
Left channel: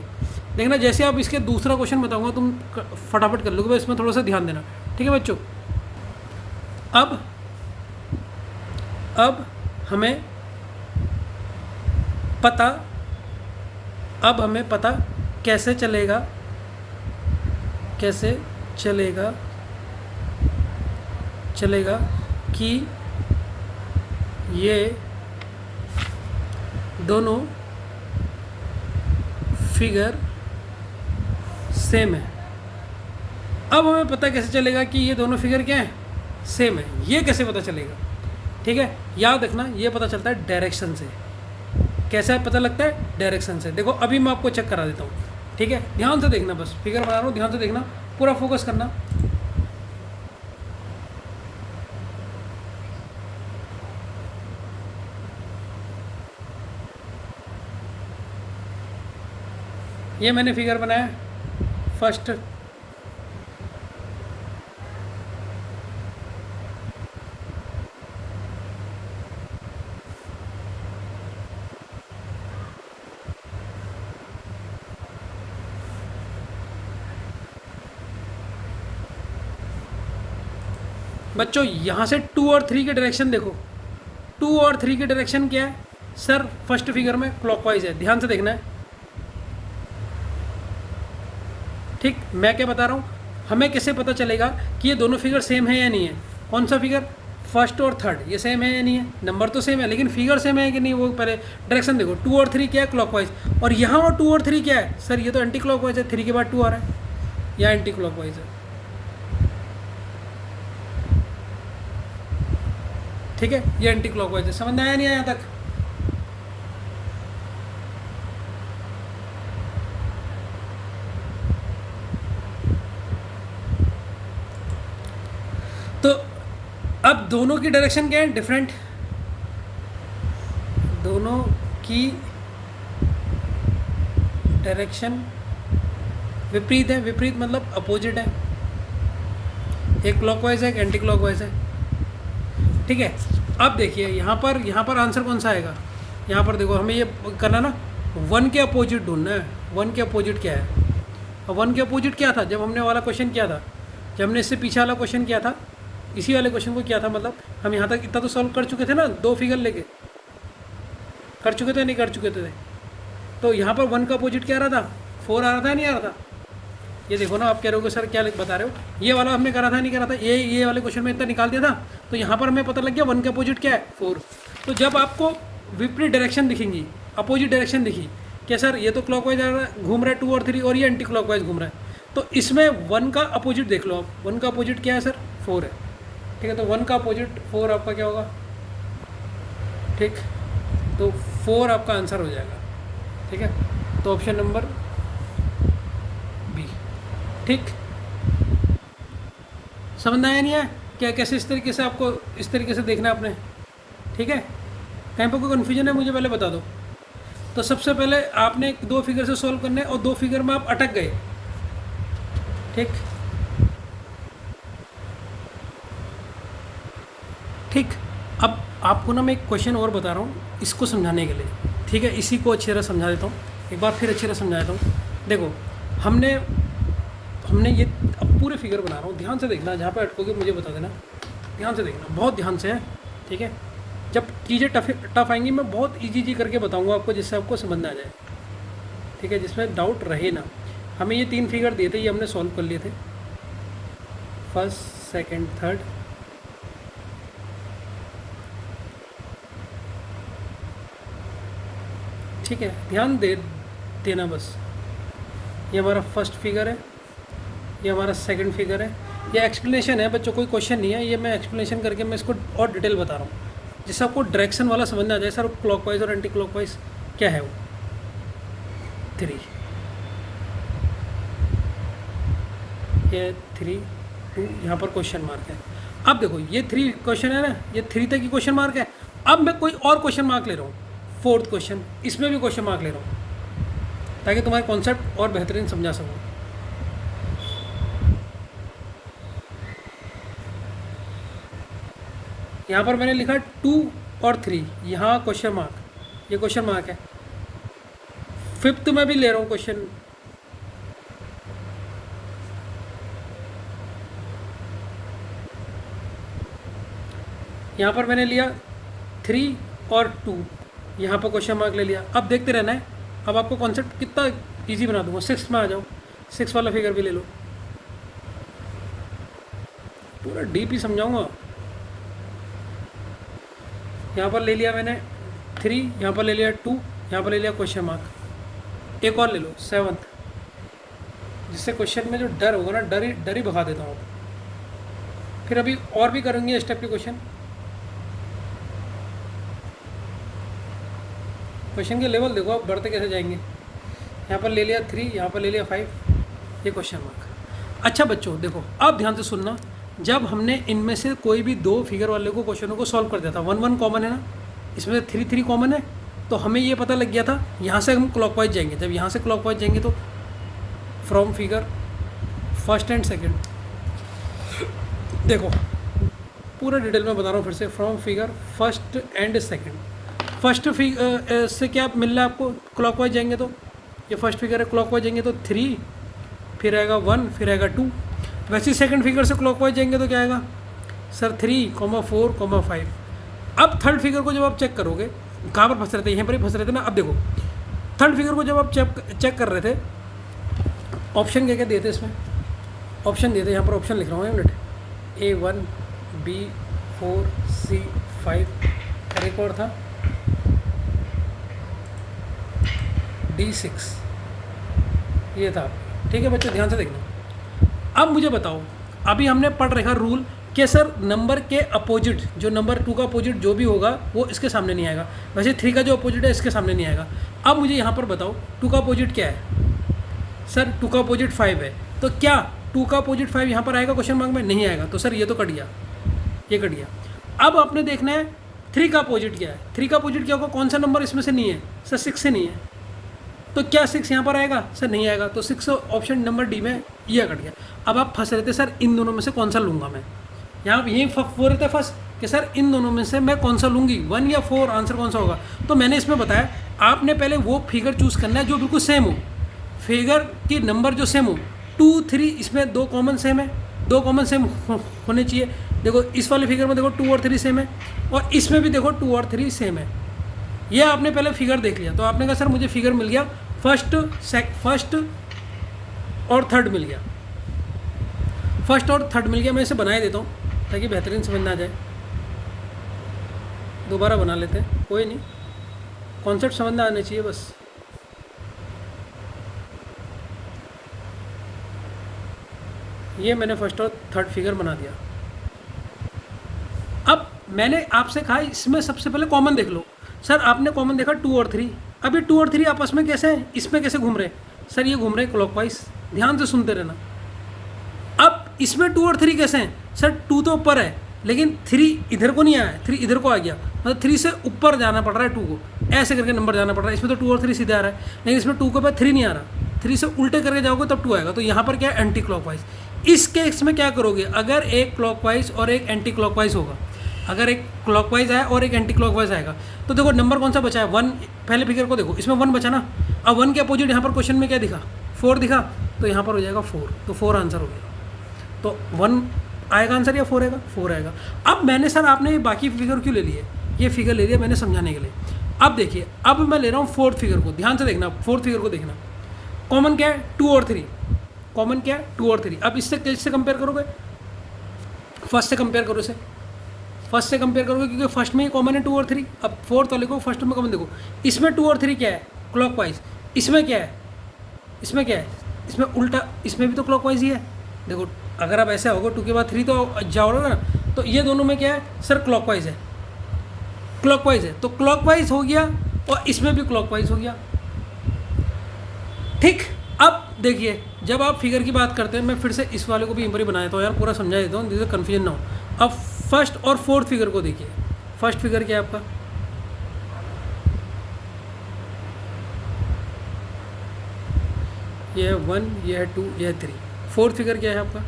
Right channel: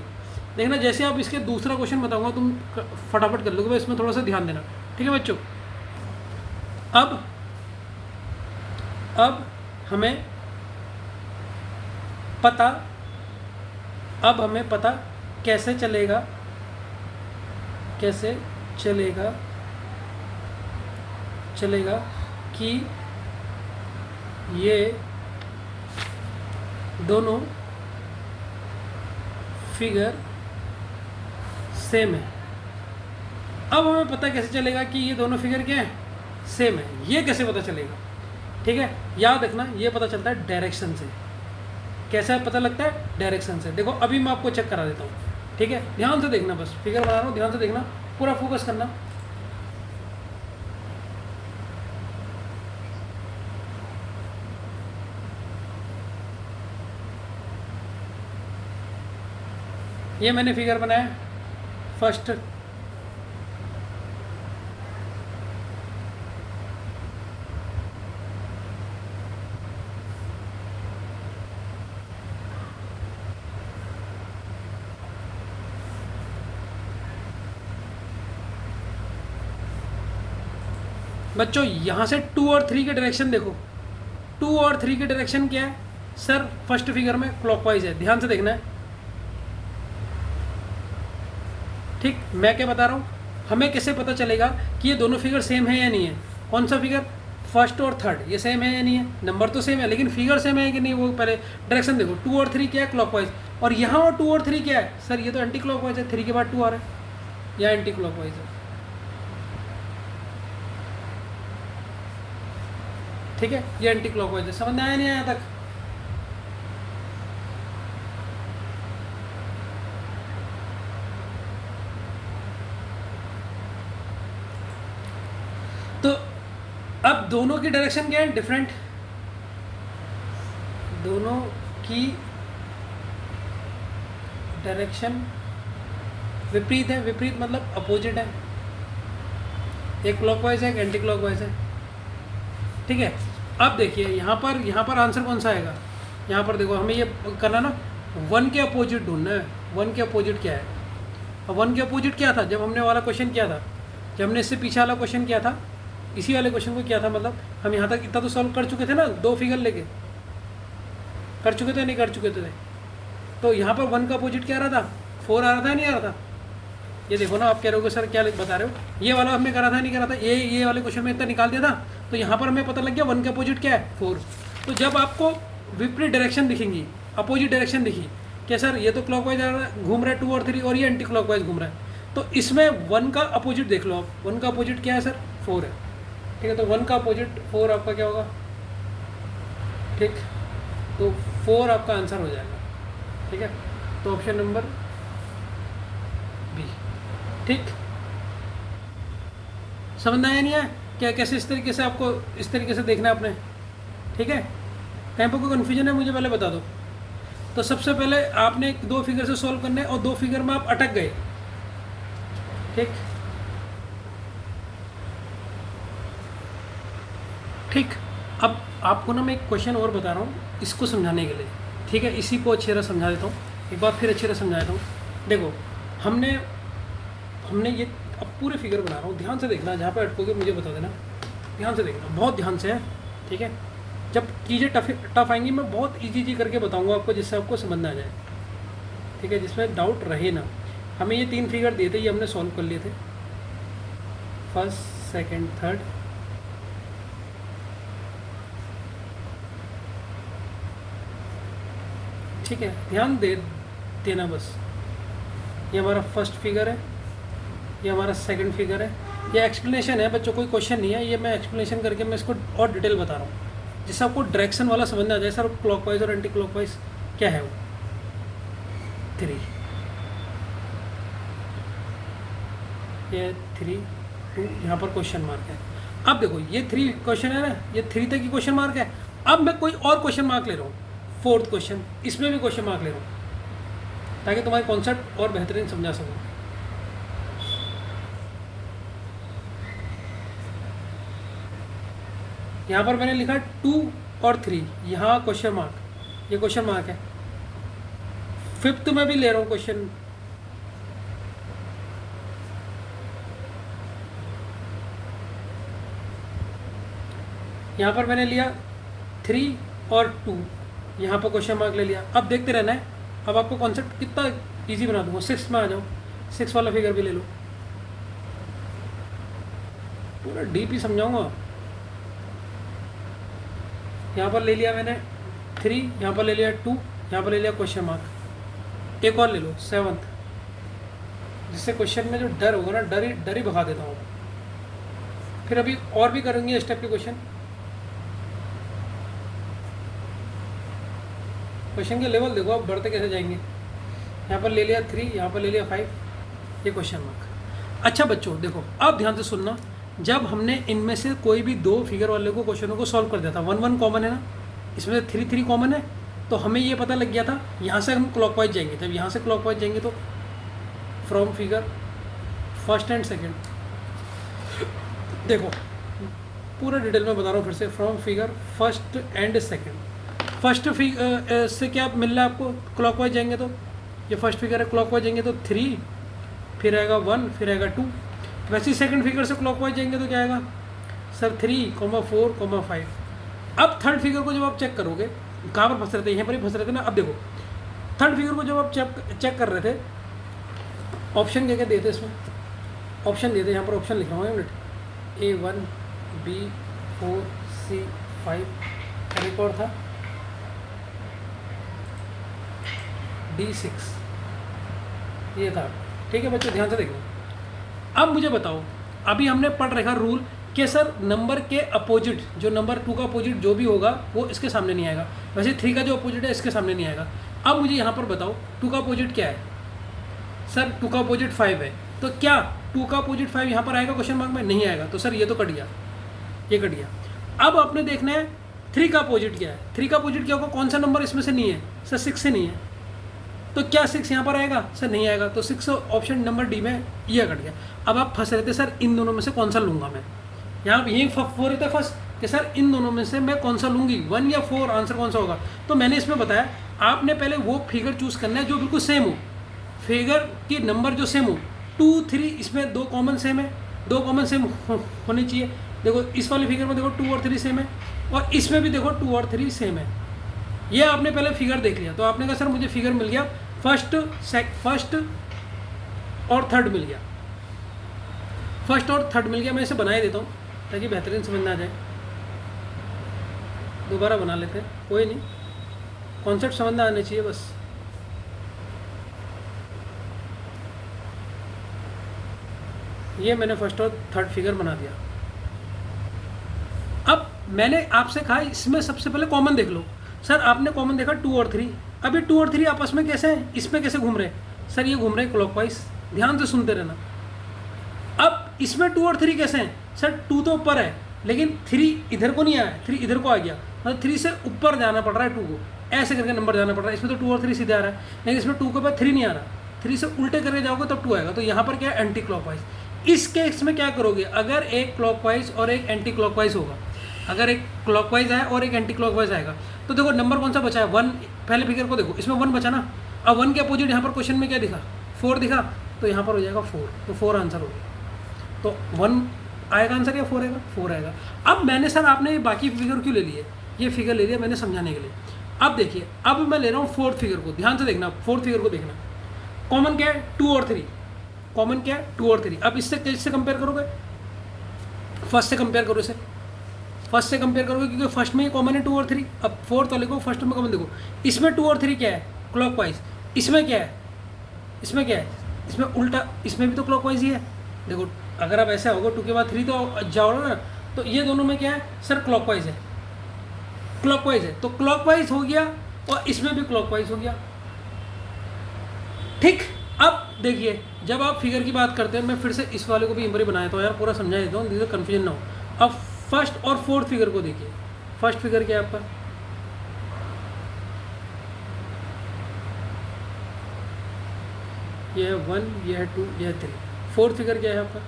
देखना जैसे आप इसके दूसरा क्वेश्चन बताऊंगा तुम फटाफट कर लोगे, इसमें थोड़ा सा ध्यान देना, ठीक है बच्चों। अब हमें पता कैसे चलेगा कि ये दोनों फिगर सेम है। अब हमें पता कैसे चलेगा कि ये दोनों फिगर क्या है? सेम है। ये कैसे पता चलेगा? ठीक है, याद रखना, ये पता चलता है डायरेक्शन से। कैसे पता लगता है? डायरेक्शन से। देखो अभी मैं आपको चेक करा देता हूँ, ठीक है। ध्यान से देखना, बस फिगर बना रहा हूँ, ध्यान से देखना, पूरा फोकस करना। ये मैंने फिगर बनाया फर्स्ट, बच्चों यहाँ से 2 और 3 के डायरेक्शन देखो। 2 और 3 के डायरेक्शन क्या है सर? फर्स्ट फिगर में क्लॉकवाइज है, ध्यान से देखना है, ठीक। मैं क्या बता रहा हूँ, हमें कैसे पता चलेगा कि ये दोनों फिगर सेम है या नहीं है? कौन सा फिगर? फर्स्ट और थर्ड, ये सेम है या नहीं है? नंबर तो सेम है लेकिन फिगर सेम है कि नहीं, वो पहले डायरेक्शन देखो। 2 और 3 क्या है? क्लॉकवाइज। और यहाँ और 2 और 3 क्या है सर? ये तो एंटी क्लॉकवाइज है, 3 के बाद 2 आ रहा है, या एंटी क्लॉकवाइज है, ठीक है। ये एंटी क्लॉकवाइज है। समझ में आया नहीं आया तक? तो अब दोनों की डायरेक्शन क्या है? डिफरेंट। दोनों की डायरेक्शन विपरीत है। विपरीत मतलब अपोजिट है, एक क्लॉकवाइज है, एक एंटी क्लॉकवाइज है, ठीक है। अब देखिए यहाँ पर आंसर कौन सा आएगा? यहाँ पर देखो, हमें ये करना ना, 1 के अपोजिट ढूंढना है। 1 के अपोजिट क्या है? और 1 के अपोजिट क्या था जब हमने वाला क्वेश्चन किया था? जब हमने इससे पीछे वाला क्वेश्चन किया था, इसी वाले क्वेश्चन को किया था, मतलब हम यहाँ तक इतना तो सॉल्व कर चुके थे ना, 2 फिगर लेके कर चुके थे, नहीं कर चुके थे? तो यहाँ पर 1 का अपोजिट क्या आ रहा था? 4 आ रहा था, नहीं आ रहा था? ये देखो ना, आप कह रहे हो सर क्या बता रहे हो, ये वाला हमने करा था नहीं करा था, ये वाले क्वेश्चन में इतना निकाल दिया था। तो यहाँ पर हमें पता लग गया 1 का अपोजिट क्या है? 4। तो जब आपको विपरीत डायरेक्शन दिखेंगी, अपोजिट डायरेक्शन दिखी, क्या सर ये तो क्लॉकवाइज घूम रहा है 2 और 3, और ये एंटी क्लॉकवाइज घूम रहा है, तो इसमें 1 का अपोजिट देख लो आप। 1 का अपोजिट क्या है सर? 4 है। ठीक है, तो 1 का अपोजिट 4 आपका क्या होगा? ठीक, तो 4 आपका आंसर हो जाएगा। ठीक है, तो ऑप्शन नंबर बी। ठीक, समझ में आया नहीं है क्या? कैसे इस तरीके से आपको इस तरीके से देखना है आपने। ठीक है, कहीं पर कोई कन्फ्यूजन है मुझे पहले बता दो। तो सबसे पहले आपने 2 फिगर से सॉल्व करने और 2 फिगर में आप अटक गए। ठीक ठीक, अब आपको ना मैं एक क्वेश्चन और बता रहा हूँ इसको समझाने के लिए। ठीक है, इसी को अच्छी तरह समझा देता हूँ, एक बार फिर अच्छी तरह समझा देता हूँ। देखो, हमने ये अब पूरे फिगर बना रहा हूँ, ध्यान से देखना, जहाँ पर अटकोगे मुझे बता देना, ध्यान से देखना, बहुत ध्यान से है। ठीक है, जब चीज़ें टफ आएंगी मैं बहुत इजी करके बताऊँगा आपको, जिससे आपको समझ में आ जाए। ठीक है, जिसमें डाउट रहे ना। हमें ये 3 फिगर दिए थे, ये हमने सॉल्व कर लिए थे, फर्स्ट, सेकंड, थर्ड। ठीक है, ध्यान देना बस। ये हमारा फर्स्ट फिगर है, ये हमारा सेकंड फिगर है। ये एक्सप्लेनेशन है बच्चों, कोई क्वेश्चन नहीं है, ये मैं एक्सप्लेनेशन करके मैं इसको और डिटेल बता रहा हूँ, जिससे आपको डायरेक्शन वाला समझ में आ जाए। सर क्लॉकवाइज और एंटी क्लॉकवाइज क्या है वो। 3, ये 3, 2, यहाँ पर क्वेश्चन मार्क है। अब देखो ये 3 क्वेश्चन है ना, ये 3 तक की क्वेश्चन मार्क है। अब मैं कोई और क्वेश्चन मार्क ले रहा हूँ, 4th क्वेश्चन, इसमें भी क्वेश्चन मार्क ले रहा हूँ, ताकि तुम्हारे कॉन्सेप्ट और बेहतरीन समझा सकूँ। यहाँ पर मैंने लिखा 2 और 3, यहाँ क्वेश्चन मार्क, ये क्वेश्चन मार्क है। 5th में भी ले रहा हूँ क्वेश्चन, यहाँ पर मैंने लिया 3 और 2, यहाँ पर क्वेश्चन मार्क ले लिया। अब देखते रहना है, अब आपको कॉन्सेप्ट कितना इजी बना दूंगा। 6 में आ जाओ, 6 वाला फिगर भी ले लो, पूरा डीप ही समझाऊंगा। यहाँ पर ले लिया मैंने 3, यहाँ पर ले लिया 2, यहाँ पर ले लिया क्वेश्चन मार्क। एक और ले लो 7th, जिससे क्वेश्चन में जो डर होगा ना, डर ही भगा देता हूँ। फिर अभी और भी करेंगे स्टेप के क्वेश्चन, क्वेश्चन के लेवल देखो आप बढ़ते कैसे जाएंगे। यहाँ पर ले लिया 3, यहाँ पर ले लिया 5, ये क्वेश्चन मार्क। अच्छा बच्चों देखो, अब ध्यान से सुनना, जब हमने इनमें से कोई भी 2 फिगर वाले को क्वेश्चनों को सॉल्व कर दिया था, 1 1 कॉमन है ना, इसमें 3 3 कॉमन है, तो हमें ये पता लग गया था यहाँ से हम क्लॉकवाइज जाएंगे। जब यहाँ से क्लॉकवाइज जाएंगे तो from figure first and second, देखो पूरा डिटेल में बता रहा हूँ फिर से, from figure first and second. First figure से क्या मिल रहा है आपको, क्लॉकवाइज जाएंगे तो ये फर्स्ट फिगर है, क्लॉकवाइज जाएंगे तो 3, फिर आएगा 1, फिर आएगा 2। वैसे ही सेकंड फिगर से क्लॉकवाइज जाएंगे तो क्या आएगा सर, 3, 4, 5। अब थर्ड फिगर को जब आप चेक करोगे, कहाँ पर फंस रहे थे, यहाँ पर ही फंस रहे थे ना। अब देखो थर्ड फिगर को जब आप चेक कर रहे थे, ऑप्शन क्या क्या देते इसमें, ऑप्शन देते, यहाँ पर ऑप्शन लिख रहा हूँ मिनट, A1, B4, C5, एक और था D6, ये था। ठीक है बच्चों, ध्यान से देखना। अब मुझे बताओ, अभी हमने पढ़ रखा रूल कि सर नंबर के अपोजिट, जो नंबर 2 का अपोजिट जो भी होगा वो इसके सामने नहीं आएगा। वैसे 3 का जो अपोजिट है इसके सामने नहीं आएगा। अब मुझे यहाँ पर बताओ 2 का अपोजिट क्या है सर, 2 का अपोजिट 5 है, तो क्या 2 का अपोजिट 5 यहाँ पर आएगा क्वेश्चन मार्क में? नहीं आएगा। तो सर ये तो कट गया, ये कट गया। अब आपने देखना है 3 का अपोजिट क्या है। 3 का अपोजिट क्या होगा, कौन सा नंबर इसमें से नहीं है सर, 6 से नहीं है, तो क्या 6 यहाँ पर आएगा सर? नहीं आएगा। तो 6 ऑप्शन नंबर डी में ये कट गया। अब आप फंस रहे थे सर इन दोनों में से कौन सा लूँगा मैं, यहाँ यही हो रहे थे फर्स्ट कि सर इन दोनों में से मैं कौन सा लूँगी, 1 या 4, आंसर कौन सा होगा। तो मैंने इसमें बताया आपने पहले वो फिगर चूज़ करना है जो बिल्कुल सेम हो, फिगर की नंबर जो सेम हो। 2, 3 इसमें 2 कॉमन सेम है, 2 कॉमन सेम होने चाहिए। देखो इस वाले फिगर में देखो 2 और 3 सेम है, और इसमें भी देखो 2 और 3 सेम है। ये आपने पहले फिगर देख लिया, तो आपने कहा सर मुझे फिगर मिल गया, फर्स्ट और थर्ड मिल गया, फर्स्ट और थर्ड मिल गया। मैं इसे बनाए देता हूँ ताकि बेहतरीन समझ में आ जाए। दोबारा बना लेते हैं, कोई नहीं, कॉन्सेप्ट समझ में आना चाहिए बस। ये मैंने फर्स्ट और थर्ड फिगर बना दिया। अब मैंने आपसे कहा इसमें सबसे पहले कॉमन देख लो। सर आपने कॉमन देखा 2 और 3, अब ये 2 और 3 आपस में कैसे हैं, इसमें कैसे घूम रहे हैं? सर ये घूम रहे हैं क्लॉकवाइज, ध्यान से सुनते रहना। अब इसमें 2 और 3 कैसे हैं? सर 2 तो ऊपर है लेकिन 3 इधर को नहीं आया, 3 इधर को आ गया, मतलब 3 से ऊपर जाना पड़ रहा है 2 को, ऐसे करके नंबर जाना पड़ रहा है। इसमें तो 2 और 3 सीधे आ रहा है, लेकिन इसमें 2 के बाद 3 नहीं आ रहा, 3 से उल्टे करके जाओगे तब 2 आएगा। तो यहाँ पर क्या है, एंटी क्लॉकवाइज। इस केस में क्या करोगे, अगर एक क्लॉकवाइज और एक एंटी क्लॉकवाइज होगा, अगर एक क्लॉकवाइज है और एक एंटी क्लॉकवाइज आएगा, तो देखो नंबर कौन सा बचा है, 1। पहले फिगर को देखो, इसमें 1 बचा ना। अब 1 के अपोजिट यहाँ पर क्वेश्चन में क्या दिखा, 4 दिखा, तो यहाँ पर हो जाएगा 4, तो 4 आंसर हो गया। तो 1 आएगा आंसर या 4 आएगा, 4 आएगा। अब मैंने सर आपने बाकी फिगर क्यों ले लिए, ये फिगर ले लिया मैंने समझाने के लिए। अब देखिए, अब मैं ले रहा हूँ 4th फिगर को, ध्यान से देखना, 4th फिगर को देखना। कॉमन क्या है, 2 और 3, कॉमन क्या है 2 और 3। अब इससे किससे कंपेयर करोगे, फर्स्ट से कंपेयर करो, इसे फर्स्ट से कंपेयर करोगे क्योंकि फर्स्ट में ही कॉमन है 2 और 3। अब 4th वाले को फर्स्ट में कॉमन देखो, इसमें 2 और 3 क्या है, क्लॉकवाइज। इसमें क्या है, इसमें क्या है, इसमें उल्टा, इसमें भी तो क्लॉकवाइज ही है। देखो अगर आप ऐसे होगा 2 के बाद 3 तो जाओगे ना, तो ये दोनों में क्या है सर, क्लॉकवाइज है, क्लॉकवाइज है, तो क्लॉकवाइज हो गया और इसमें भी क्लॉकवाइज हो गया। ठीक, अब देखिए जब आप फिगर की बात करते हैं, मैं फिर से इस वाले को भी इंपरी बनाया था यार, पूरा समझा देता हूँ जिससे कन्फ्यूजन ना हो। अब फर्स्ट और 4th फिगर को देखिए। फर्स्ट फिगर क्या है आपका, ये है 1, ये है 2, ये है 3। 4th फिगर क्या है आपका,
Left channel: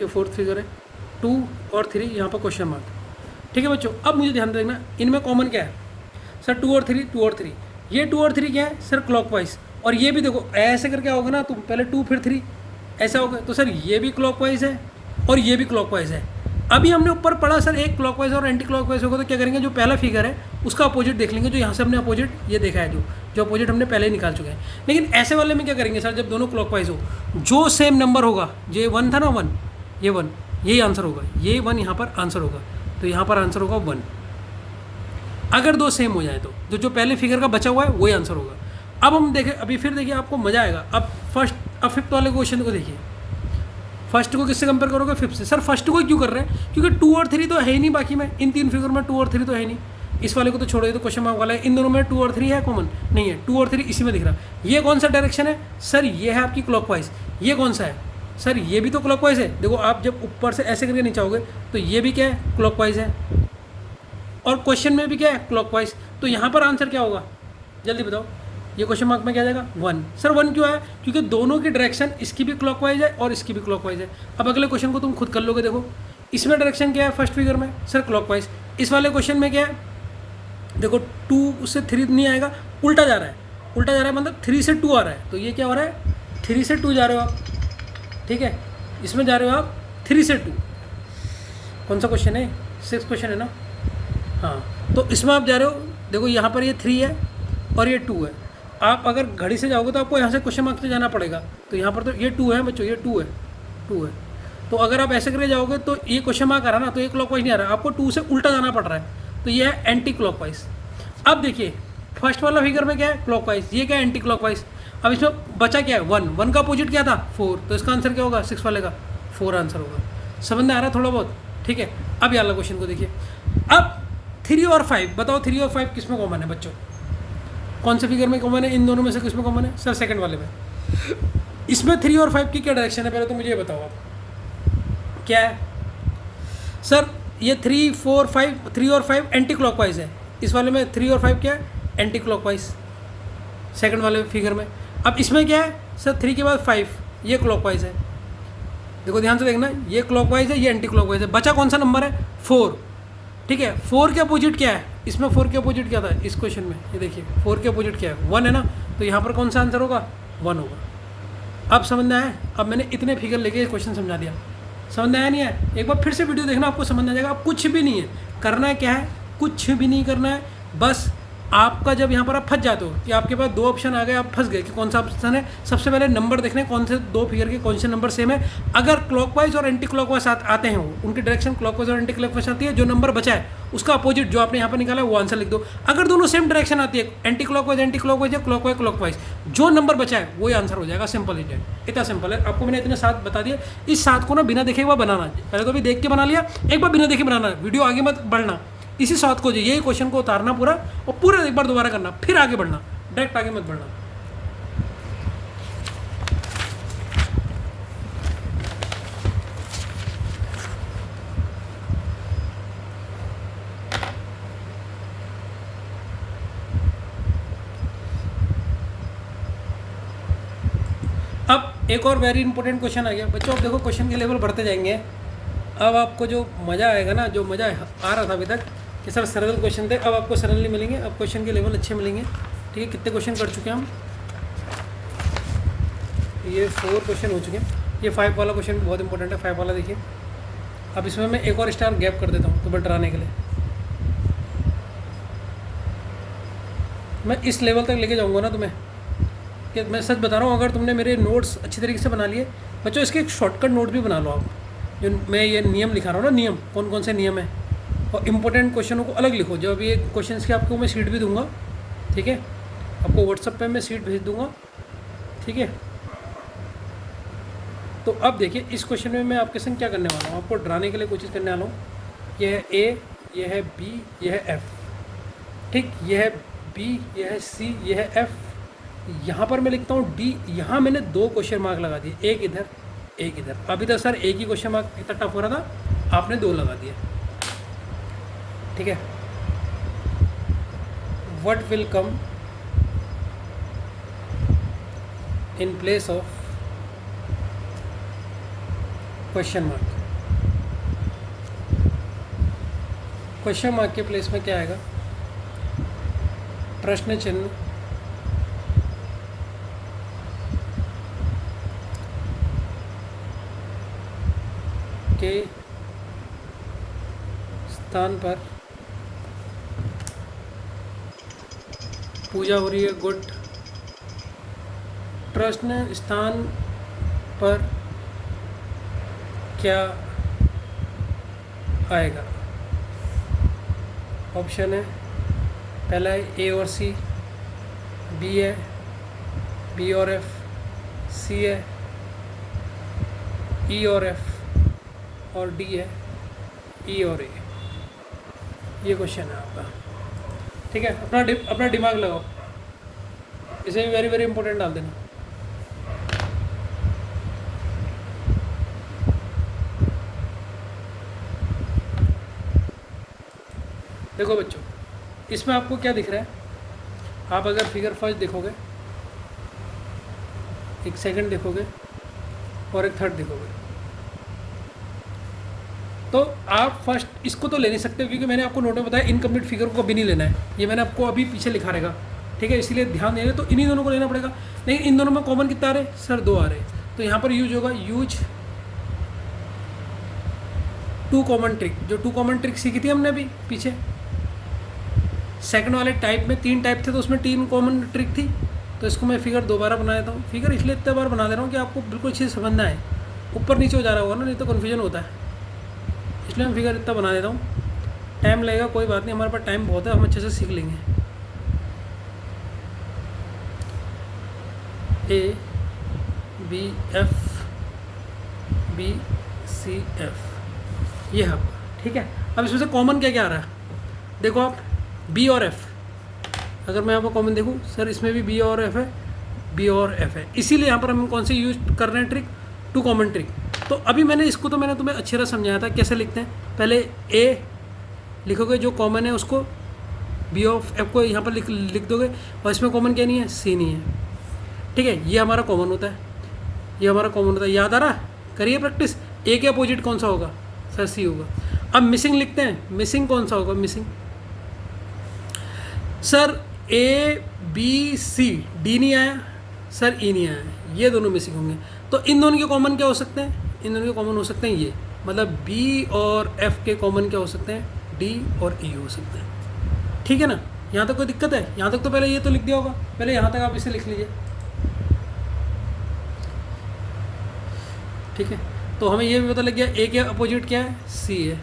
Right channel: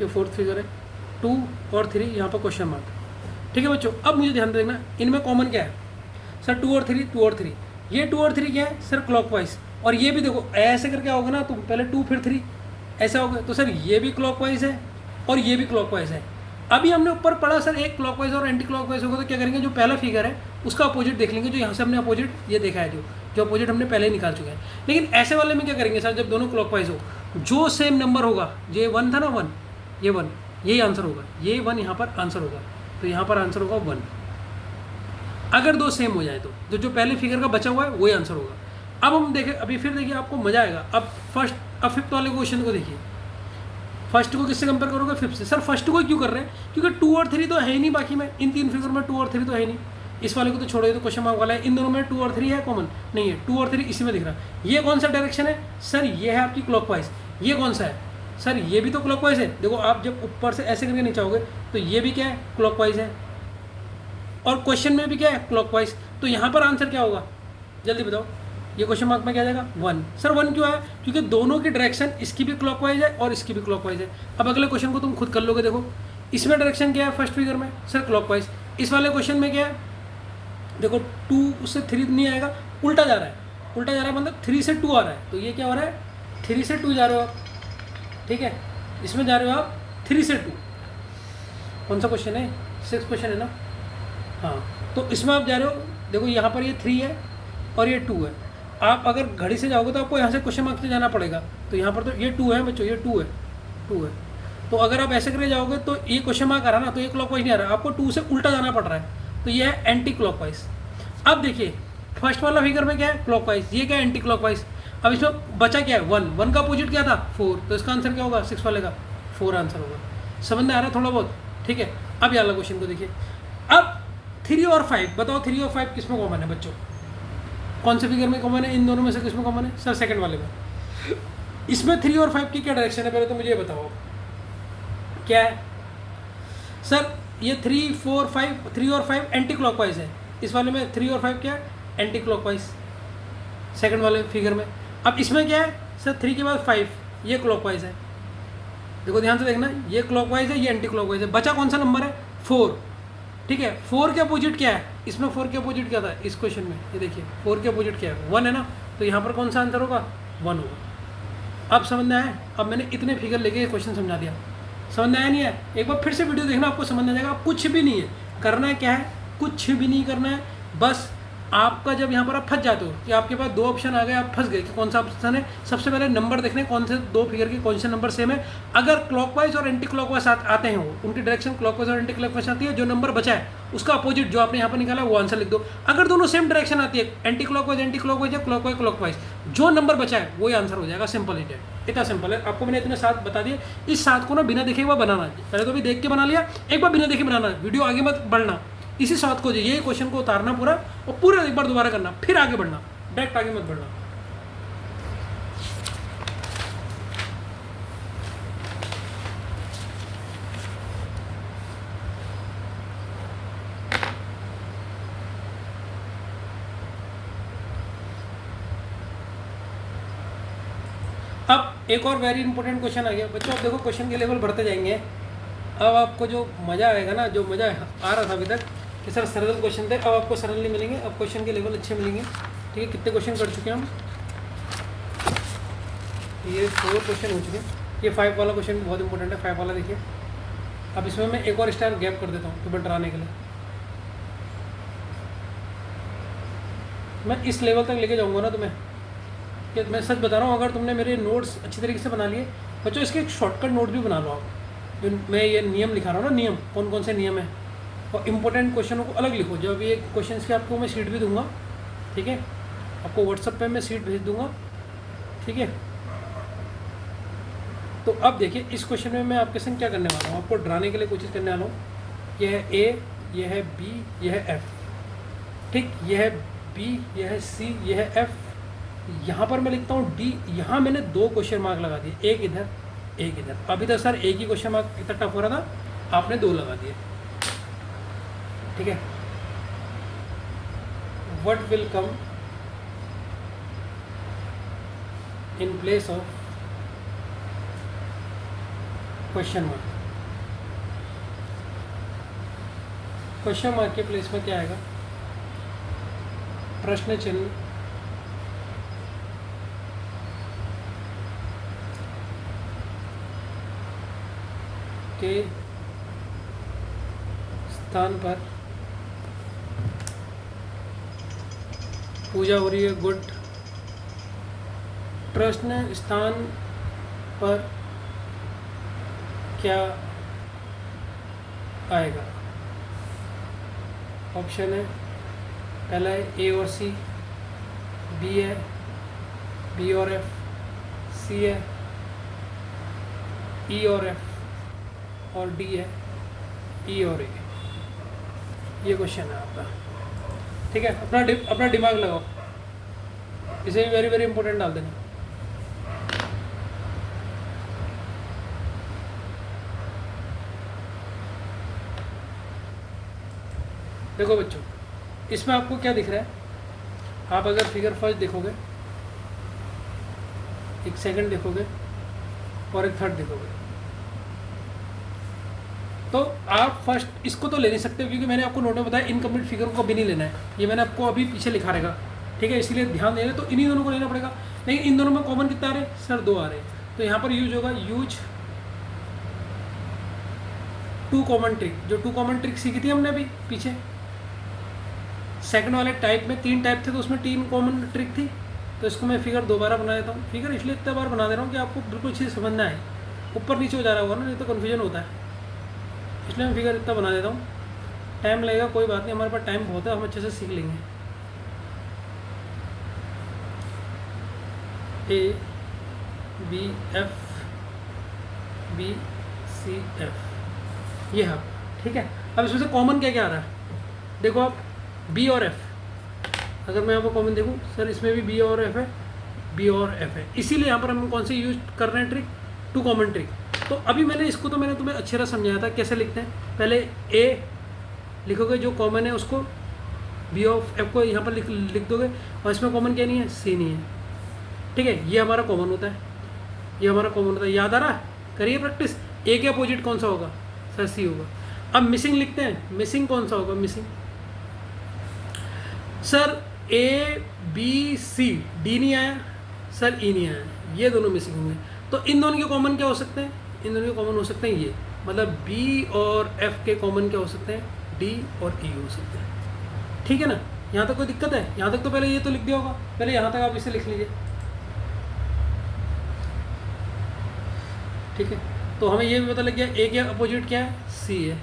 ये 4th फिगर है, 2 और 3, यहाँ पर क्वेश्चन मार्क। ठीक है बच्चों, अब मुझे ध्यान देना, इनमें कॉमन क्या है सर, 2 और 3, 2 और 3। ये 2 और 3 क्या है सर, क्लॉकवाइज। और ये भी देखो ऐसे करके आओगे ना, तो पहले 2 फिर 3 ऐसा होगा, तो सर ये भी क्लॉकवाइज है और ये भी क्लॉकवाइज है। अभी हमने ऊपर पढ़ा सर एक क्लॉकवाइज और एंटी क्लॉकवाइज होगा, तो क्या करेंगे, जो पहला फिगर है उसका अपोजिट देख लेंगे, जो यहाँ से हमने अपोजिट ये देखा है, जो अपोजिट हमने पहले निकाल चुके हैं। लेकिन ऐसे वाले में क्या करेंगे सर, जब दोनों क्लॉकवाइज हो, जो सेम नंबर होगा, जो ये 1 था ना, 1, ये 1, यही आंसर होगा, ये 1 यहाँ पर आंसर होगा, तो यहाँ पर आंसर होगा 1। अगर 2 सेम हो जाए तो जो पहले फिगर का बचा हुआ है वही आंसर होगा। अब हम देखें, अभी फिर देखिए आपको मज़ा आएगा। अब 5th वाले क्वेश्चन को देखिए, फर्स्ट को किससे कंपेयर करोगे, 5th से। सर फर्स्ट को क्यों कर रहे हैं, क्योंकि 2 और 3 तो है ही नहीं, बाकी में इन 3 फिगर में 2 और 3 तो है नहीं। इस वाले को तो छोड़ो, तो क्वेश्चन मार्क वाला है, इन दोनों में 2 और 3 है कॉमन, नहीं है, 2 और 3 इसी में दिख रहा है। ये कौन सा डायरेक्शन है सर, ये है आपकी क्लॉकवाइज। ये कौन सा है सर, ये भी तो क्लॉकवाइज है। देखो आप जब ऊपर से ऐसे करके नीचे आओगे तो ये भी क्या है, क्लॉकवाइज है, और क्वेश्चन में भी क्या है, क्लॉकवाइज। तो यहाँ पर आंसर क्या होगा, जल्दी बताओ, ये क्वेश्चन मार्क में क्या जाएगा, 1। सर 1 क्यों है, क्योंकि दोनों की डायरेक्शन, इसकी भी क्लॉकवाइज है और इसकी भी क्लॉकवाइज है। अब अगले क्वेश्चन को तुम खुद कर लोगे, देखो इसमें डायरेक्शन क्या है फर्स्ट फिगर में सर, क्लॉकवाइज। इस वाले क्वेश्चन में क्या है, देखो 2 से 3 नहीं आएगा, उल्टा जा रहा है, उल्टा जा रहा है मतलब 3 से 2 आ रहा है, तो ये क्या हो रहा है, 3 से 2 जा रहे हो आप। ठीक है, इसमें जा रहे हो आप 3 से 2। कौन सा क्वेश्चन है, 6th क्वेश्चन है ना, हाँ। तो इसमें आप जा रहे हो, देखो यहाँ पर ये 3 है और ये 2 है। आप अगर घड़ी से जाओगे तो आपको यहाँ से क्वेश्चन मार्क से जाना पड़ेगा, तो यहाँ पर तो ये 2 है बच्चों, ये 2 है, 2 है। तो अगर आप ऐसे करके जाओगे तो ये क्वेश्चन मार्क आ रहा है ना, तो ये क्लॉकवाइज नहीं आ रहा, आपको 2 से उल्टा जाना पड़ रहा है, तो ये है एंटी क्लॉकवाइज। अब देखिए फर्स्ट वाला फिगर में क्या है, क्लॉकवाइज, ये क्या है, एंटी क्लॉकवाइज। अब इसमें बचा क्या है, 1 का अपोजिट क्या था, 4, तो इसका आंसर क्या होगा, 6 वाले का 4 आंसर होगा। समझ में आ रहा है थोड़ा बहुत, ठीक है। अब ये वाला क्वेश्चन को देखिए, अब 3 और 5 बताओ, 3 और 5 किस में कॉमन है बच्चों, कौन से फिगर में कॉमन है, इन दोनों में से किस में कॉमन है सर, सेकंड वाले में। इसमें 3 और 5 की क्या डायरेक्शन है, पहले तो मुझे ये बताओ आप क्या है सर। ये 3, 4, 5, 3 और 5 एंटी क्लॉकवाइज है, इस वाले में 3 और 5 क्या है, एंटी क्लॉकवाइज सेकंड वाले फिगर में। अब इसमें क्या है सर, 3 के बाद 5, ये क्लॉकवाइज है। देखो ध्यान से देखना, ये क्लॉकवाइज है, ये एंटी क्लॉकवाइज है। बचा कौन सा नंबर है, 4, ठीक है। 4 के अपोजिट क्या है, इसमें 4 के अपोजिट क्या था इस क्वेश्चन में, ये देखिए 4 के अपोजिट क्या है, 1 है ना, तो यहाँ पर कौन सा आंसर होगा, 1 होगा। अब समझ में आया, अब मैंने इतने फिगर लेके ये क्वेश्चन समझा दिया, समझ में आया नहीं है, एक बार फिर से वीडियो देखना, आपको समझ में आ जाएगा। कुछ भी नहीं है करना है, क्या है, कुछ भी नहीं करना है, बस आपका जब यहाँ पर आप फंस जाते हो कि आपके पास दो ऑप्शन आ गए, आप फंस गए कि कौन सा ऑप्शन है, सबसे पहले नंबर देखने कौन से दो फिगर के कौन से नंबर सेम है। अगर क्लॉकवाइज और एंटी क्लॉकवाइज आते हैं, वो उनकी डायरेक्शन क्लॉकवाइज और एंटी क्लॉकवाइज आती है, जो नंबर बचा है उसका अपोजिट जो आपने यहाँ पर निकाला है वो आंसर लिख दो। अगर दोनों सेम डायरेक्शन आती है, एंटी क्लॉकवाइज या क्लॉकवाइज क्लॉकवाइज, जो नंबर बचा है वही आंसर हो जाएगा। सिंपल इट है, इतना सिंपल है। आपको मैंने इतने साथ बता दिए। इस साथ को ना बिना देखे एक बार बनाना, पहले तो अभी देख के बना लिया, एक बार बिना देखे बनाना, वीडियो आगे मत बढ़ना। इसी साथ को जो ये क्वेश्चन को उतारना पूरा और पूरा एक बार दोबारा करना, फिर आगे बढ़ना, डायरेक्ट आगे मत बढ़ना। अब एक और वेरी इंपॉर्टेंट क्वेश्चन आ गया बच्चों। अब देखो क्वेश्चन के लेवल बढ़ते जाएंगे। अब आपको जो मज़ा आएगा ना, जो मज़ा आ रहा था अभी तक कि सर सरल क्वेश्चन थे, अब आपको सरल नहीं मिलेंगे, अब क्वेश्चन के लेवल अच्छे मिलेंगे। ठीक है, कितने क्वेश्चन कर चुके हैं हम? ये 4 क्वेश्चन हो चुके हैं। ये 5 वाला क्वेश्चन भी बहुत इंपॉर्टेंट है, 5 वाला देखिए। अब इसमें मैं एक और स्टार गैप कर देता हूँ तुम्हें डराने के लिए। मैं इस लेवल तक लेके जाऊँगा ना तुम्हें, कि मैं सच बता रहा हूँ। अगर तुमने मेरे नोट्स अच्छी तरीके से बना लिए बच्चों, इसके एक शॉर्टकट नोट भी बना लो आप। जो मैं ये नियम लिखा रहा हूँ ना, नियम कौन कौन से नियम है, और इम्पोर्टेंट क्वेश्चनों को अलग लिखो। जब ये क्वेश्चंस की आपको मैं शीट भी दूंगा, ठीक है, आपको व्हाट्सएप पे मैं शीट भेज दूंगा, ठीक है। तो अब देखिए इस क्वेश्चन में मैं आपके संग क्या करने वाला हूँ, आपको डराने के लिए कोई चीज़ करने वाला हूँ। यह है ए, यह है बी, यह है एफ, ठीक, यह है बी, यह है सी, यह है एफ। यहाँ पर मैं लिखता हूँ डी। यहाँ मैंने 2 क्वेश्चन मार्क लगा दिए, एक इधर एक इधर। अभी तक सर एक ही क्वेश्चन मार्क इतना टफ हो रहा था, आपने 2 लगा दिए, ठीक है। What will come in place of question mark? Question mark के प्लेस में क्या आएगा? प्रश्न चिन्ह के स्थान पर पूजा हो रही है, गुड। प्रश्न स्थान पर क्या आएगा? ऑप्शन है, पहला है ए और सी, बी है बी और एफ, सी है ई और एफ, और डी है ई और ए। ये क्वेश्चन है आपका, ठीक है। अपना दिमाग लगाओ, इसे भी वेरी वेरी इंपॉर्टेंट डाल देना। देखो बच्चों, इसमें आपको क्या दिख रहा है? आप अगर फिगर फर्स्ट देखोगे, एक सेकंड देखोगे और एक थर्ड देखोगे, तो आप फर्स्ट इसको तो ले नहीं सकते, क्योंकि मैंने आपको नोट में बताया इनकम्प्लीट फिगर को कभी नहीं लेना है। ये मैंने आपको अभी पीछे लिखा रहेगा, ठीक है, इसलिए ध्यान देंगे। तो इन्हीं दोनों को लेना पड़ेगा। लेकिन इन दोनों में कॉमन कितना आ रहे? सर 2 आ रहे। तो यहाँ पर यूज होगा, यूज 2 कॉमन ट्रिक। जो 2 कॉमन ट्रिक सीखी थी हमने अभी पीछे सेकंड वाले टाइप में, 3 टाइप थे तो उसमें 3 कॉमन ट्रिक थी। तो इसको मैं फिगर दोबारा बना देता हूँ। फिगर इसलिए इतने बार बना दे रहा हूँ कि आपको बिल्कुल चीज़ समझना है। ऊपर नीचे हो जा रहा होगा ना, नहीं तो कन्फ्यूजन होता है, इसलिए मैं फिगर इतना बना देता हूँ। टाइम लगेगा, कोई बात नहीं, हमारे पास टाइम बहुत है, हम अच्छे से सीख लेंगे। A B F, B C F, ये है, ठीक है। अब इसमें से कॉमन क्या क्या आ रहा है? देखो आप, बी और एफ, अगर मैं आपको कॉमन देखूँ, सर इसमें भी बी और एफ है, बी और एफ है, इसीलिए यहाँ पर हम कौन सी यूज कर रहे हैं ट्रिक? 2 common trick. तो अभी मैंने इसको तो मैंने तुम्हें अच्छी तरह समझाया था कैसे लिखते हैं। पहले ए लिखोगे, जो कॉमन है उसको, बी ऑफ एफ को यहाँ पर लिख दोगे, और इसमें कॉमन क्या नहीं है? सी नहीं है, ठीक है। ये हमारा कॉमन होता है, ये हमारा कॉमन होता है। याद आ रहा है? करिए प्रैक्टिस। ए के अपोजिट कौन सा होगा? सर सी होगा। अब मिसिंग लिखते हैं, मिसिंग कौन सा होगा? Missing sir A B C, D नहीं आया सर, ई नहीं आया, ये दोनों मिसिंग होंगे। तो इन दोनों के कॉमन क्या हो सकते हैं? इन दोनों के कॉमन हो सकते हैं ये, मतलब बी और एफ के कॉमन क्या हो सकते हैं? डी और ई हो सकते हैं, ठीक है ना। यहाँ तक कोई दिक्कत है? यहाँ तक तो पहले ये तो लिख दिया होगा, पहले यहाँ तक आप इसे लिख लीजिए। ठीक है, तो हमें ये भी पता लग गया ए के अपोजिट क्या है, सी है।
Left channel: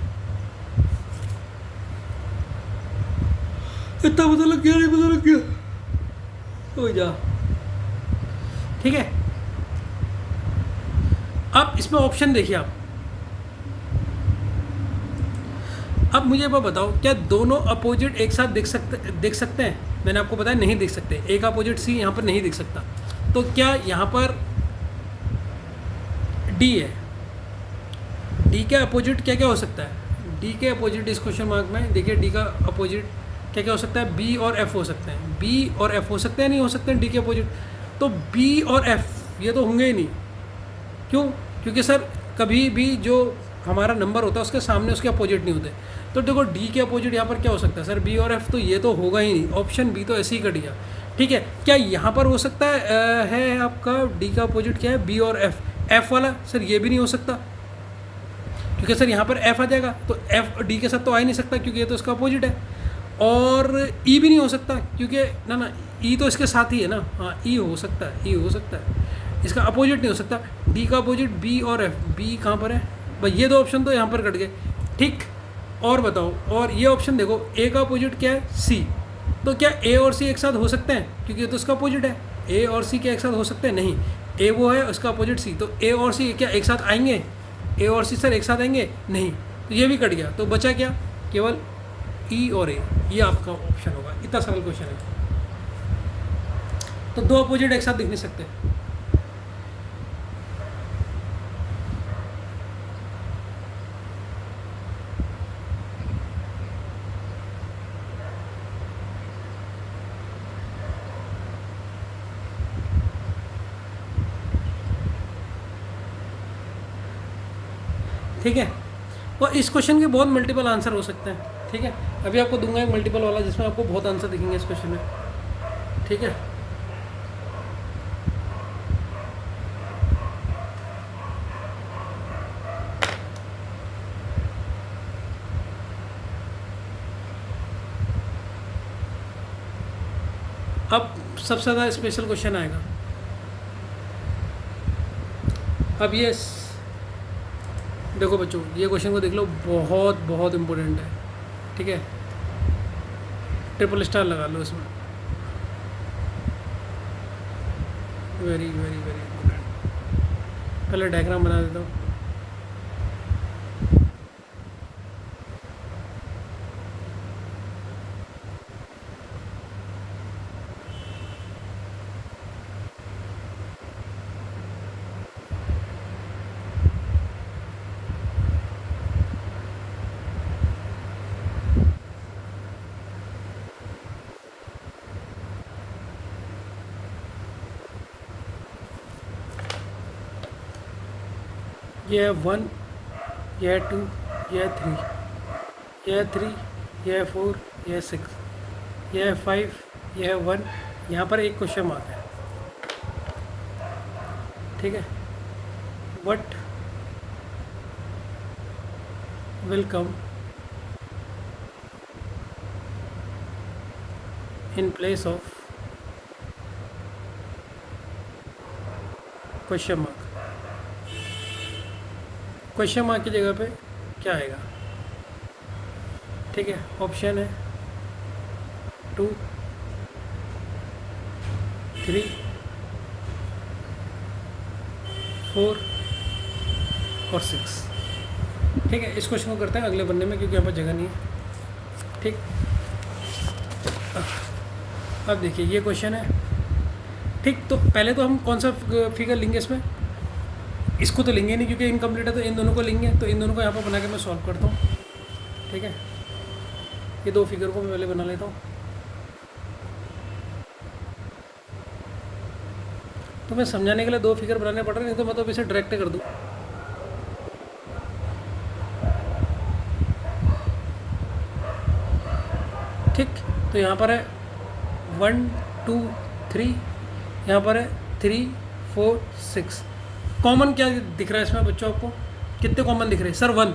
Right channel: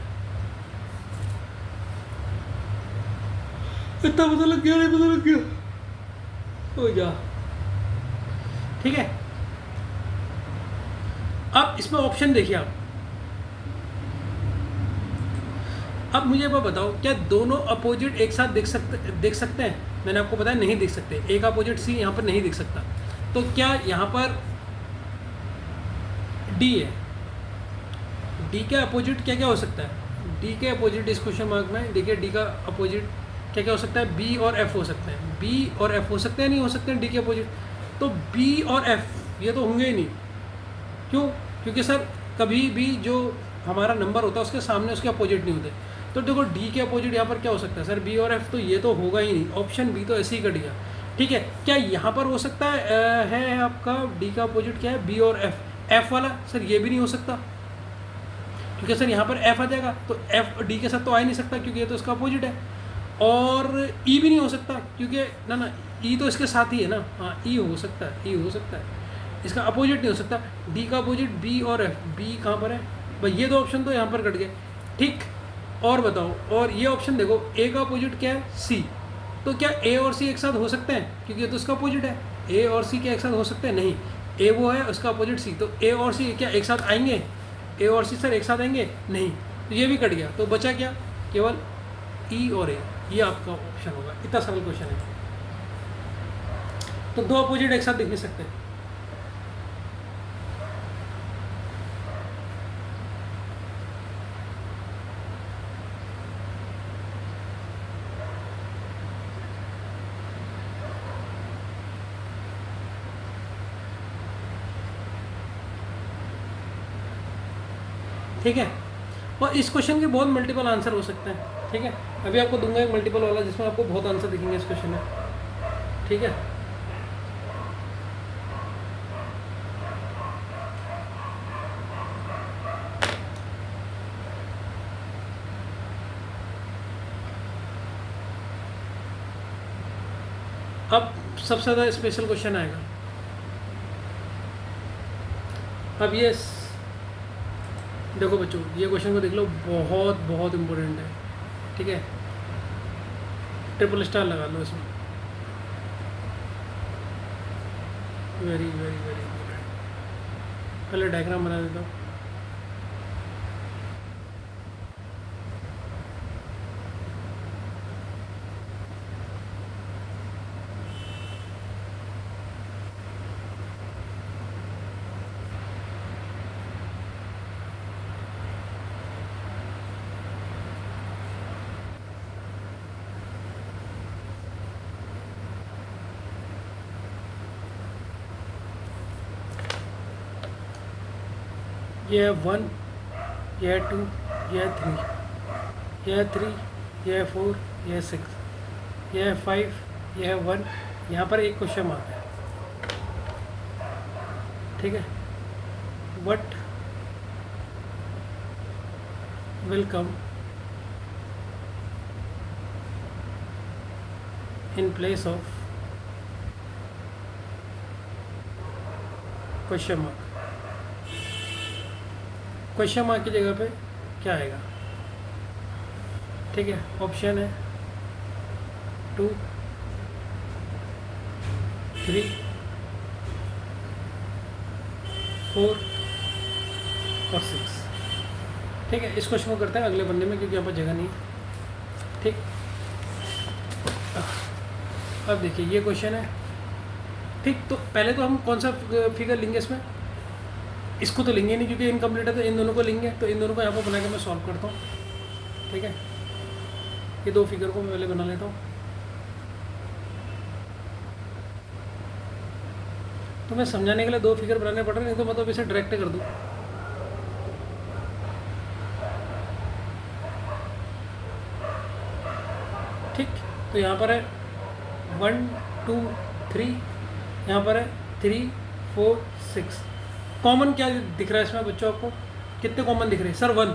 इतना पता लग गया, नहीं पता लग गया, हो जा। ठीक है, अब इसमें ऑप्शन देखिए आप। अब मुझे वो बताओ, क्या दोनों अपोजिट एक साथ देख सकते हैं? मैंने आपको बताया नहीं देख सकते, ए का अपोजिट सी यहाँ पर नहीं देख सकता। तो क्या यहाँ पर डी है, डी के अपोजिट क्या क्या हो सकता है? डी के अपोजिट इस क्वेश्चन मार्क में देखिए, डी का अपोजिट क्या क्या हो सकता है? बी और एफ हो सकते हैं। बी और एफ हो सकते हैं, नहीं हो सकते हैं डी के अपोजिट? तो बी और एफ ये तो होंगे ही नहीं। क्यों? क्योंकि सर कभी भी जो हमारा नंबर होता है उसके सामने उसके अपोजिट नहीं होते। तो देखो डी के अपोजिट यहाँ पर क्या हो सकता है सर? बी और एफ, तो ये तो होगा ही नहीं, ऑप्शन बी तो ऐसे ही कट गया। ठीक है, क्या यहाँ पर हो सकता है आपका डी का अपोजिट क्या है? बी और एफ वाला? सर ये भी नहीं हो सकता, क्योंकि सर यहाँ पर एफ आ जाएगा, तो एफ डी के साथ तो आ ही नहीं सकता क्योंकि ये तो इसका अपोजिट है। और ई भी नहीं हो सकता, क्योंकि ना ई तो इसके साथ ही है ना। हाँ, ई हो सकता है, ई हो सकता है, इसका अपोजिट नहीं हो सकता। डी का अपोजिट बी और एफ, बी कहाँ पर है भाई? ये दो ऑप्शन तो यहाँ पर कट गए। ठीक, और बताओ, और ये ऑप्शन देखो, ए का अपोजिट क्या है? सी। तो क्या ए और सी एक साथ हो सकते हैं? क्योंकि ये तो इसका अपोजिट है। ए और सी क्या एक साथ हो सकते हैं? नहीं, ए वो है, उसका अपोजिट सी, तो ए और सी क्या एक साथ आएंगे? ए और सी सर एक साथ आएंगे? नहीं, तो ये भी कट गया। तो बचा क्या? केवल ई और ए, ये आपका ऑप्शन होगा। इतना सरल क्वेश्चन है। तो दो अपोजिट एक साथ दिख नहीं सकते। ठीक है, और इस क्वेश्चन के बहुत मल्टीपल आंसर हो सकते हैं। ठीक है, अभी आपको दूंगा एक मल्टीपल वाला जिसमें आपको बहुत आंसर दिखेंगे इस क्वेश्चन में। ठीक है, अब सबसे ज़्यादा स्पेशल क्वेश्चन आएगा। अब ये देखो बच्चों, ये क्वेश्चन को देख लो, बहुत बहुत इम्पोर्टेंट है। ठीक है, ट्रिपल स्टार लगा लो इसमें, वेरी वेरी वेरी इम्पोर्टेंट। पहले डायग्राम बना देता हूँ। ये है 1, ये है 2, ये है 3, ये है 3, ये है 4, ये है 6, ये है 5, ये है 1। यहाँ पर एक क्वेश्चन आता है। ठीक है, what will come in place of question mark? Question mark की जगह पे क्या आएगा? ठीक है, ऑप्शन है 2, 3, 4 और 6। ठीक है, इस क्वेश्चन को करते हैं अगले बनने में, क्योंकि यहाँ पर जगह नहीं है। ठीक, अब देखिए ये क्वेश्चन है। ठीक, तो पहले तो हम कौन सा फिगर लेंगे इसमें? इसको तो लेंगे नहीं क्योंकि इनकम्प्लीट है, तो इन दोनों को लेंगे। तो इन दोनों को यहाँ पर बना के मैं सॉल्व करता हूँ। ठीक है, ये दो फिगर को मैं पहले बना लेता हूँ। तो मैं समझाने के लिए दो फिगर बनाने पड़ रहे हैं, नहीं तो मैं तो इसे डायरेक्ट कर दूँ। ठीक, तो यहाँ पर है 1, 2, 3, यहाँ पर है 3, 4, 6। कॉमन क्या दिख रहा है इसमें बच्चों? आपको कितने कॉमन दिख रहे हैं? सर 1।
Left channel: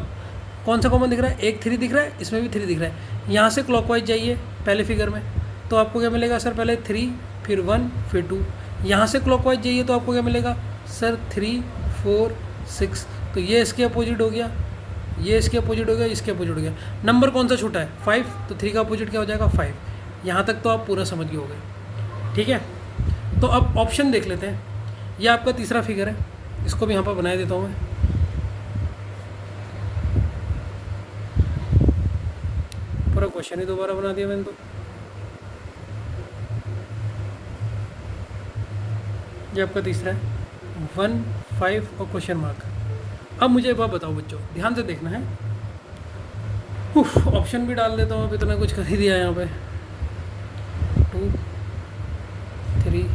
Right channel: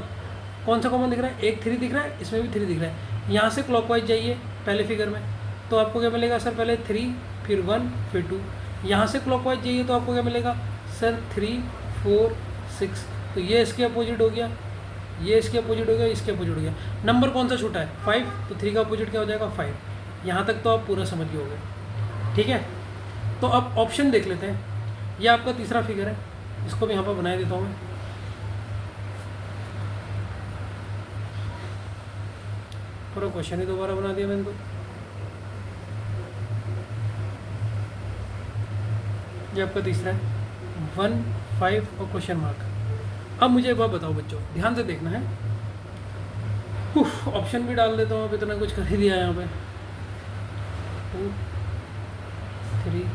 कौन सा कॉमन दिख रहा है? एक 3 दिख रहा है, इसमें भी 3 दिख रहा है। यहाँ से क्लॉकवाइज जाइए पहले फिगर में, तो आपको क्या मिलेगा सर, पहले 3 फिर 1 फिर 2। यहाँ से क्लॉकवाइज जाइए तो आपको क्या मिलेगा सर, 3 4 6। तो ये इसके अपोजिट हो गया, ये इसके अपोजिट हो गया, इसके अपोजिट हो गया। नंबर कौन सा छूटा है, 5, तो 3 का अपोजिट क्या हो जाएगा 5। यहाँ तक तो आप पूरा समझ गए होंगे, ठीक है। तो अब ऑप्शन देख लेते हैं। ये आपका तीसरा फिगर है, इसको भी यहाँ पर बना देता हूँ मैं। पूरा क्वेश्चन ही दोबारा बना दिया मैंने तो। ये आपका तीसरा है, 1 5 और क्वेश्चन मार्क। अब मुझे एक बात बताओ बच्चों, ध्यान से देखना है। ऑप्शन भी डाल देता हूँ, अभी तो कुछ कर ही दिया है यहाँ पे। 2 3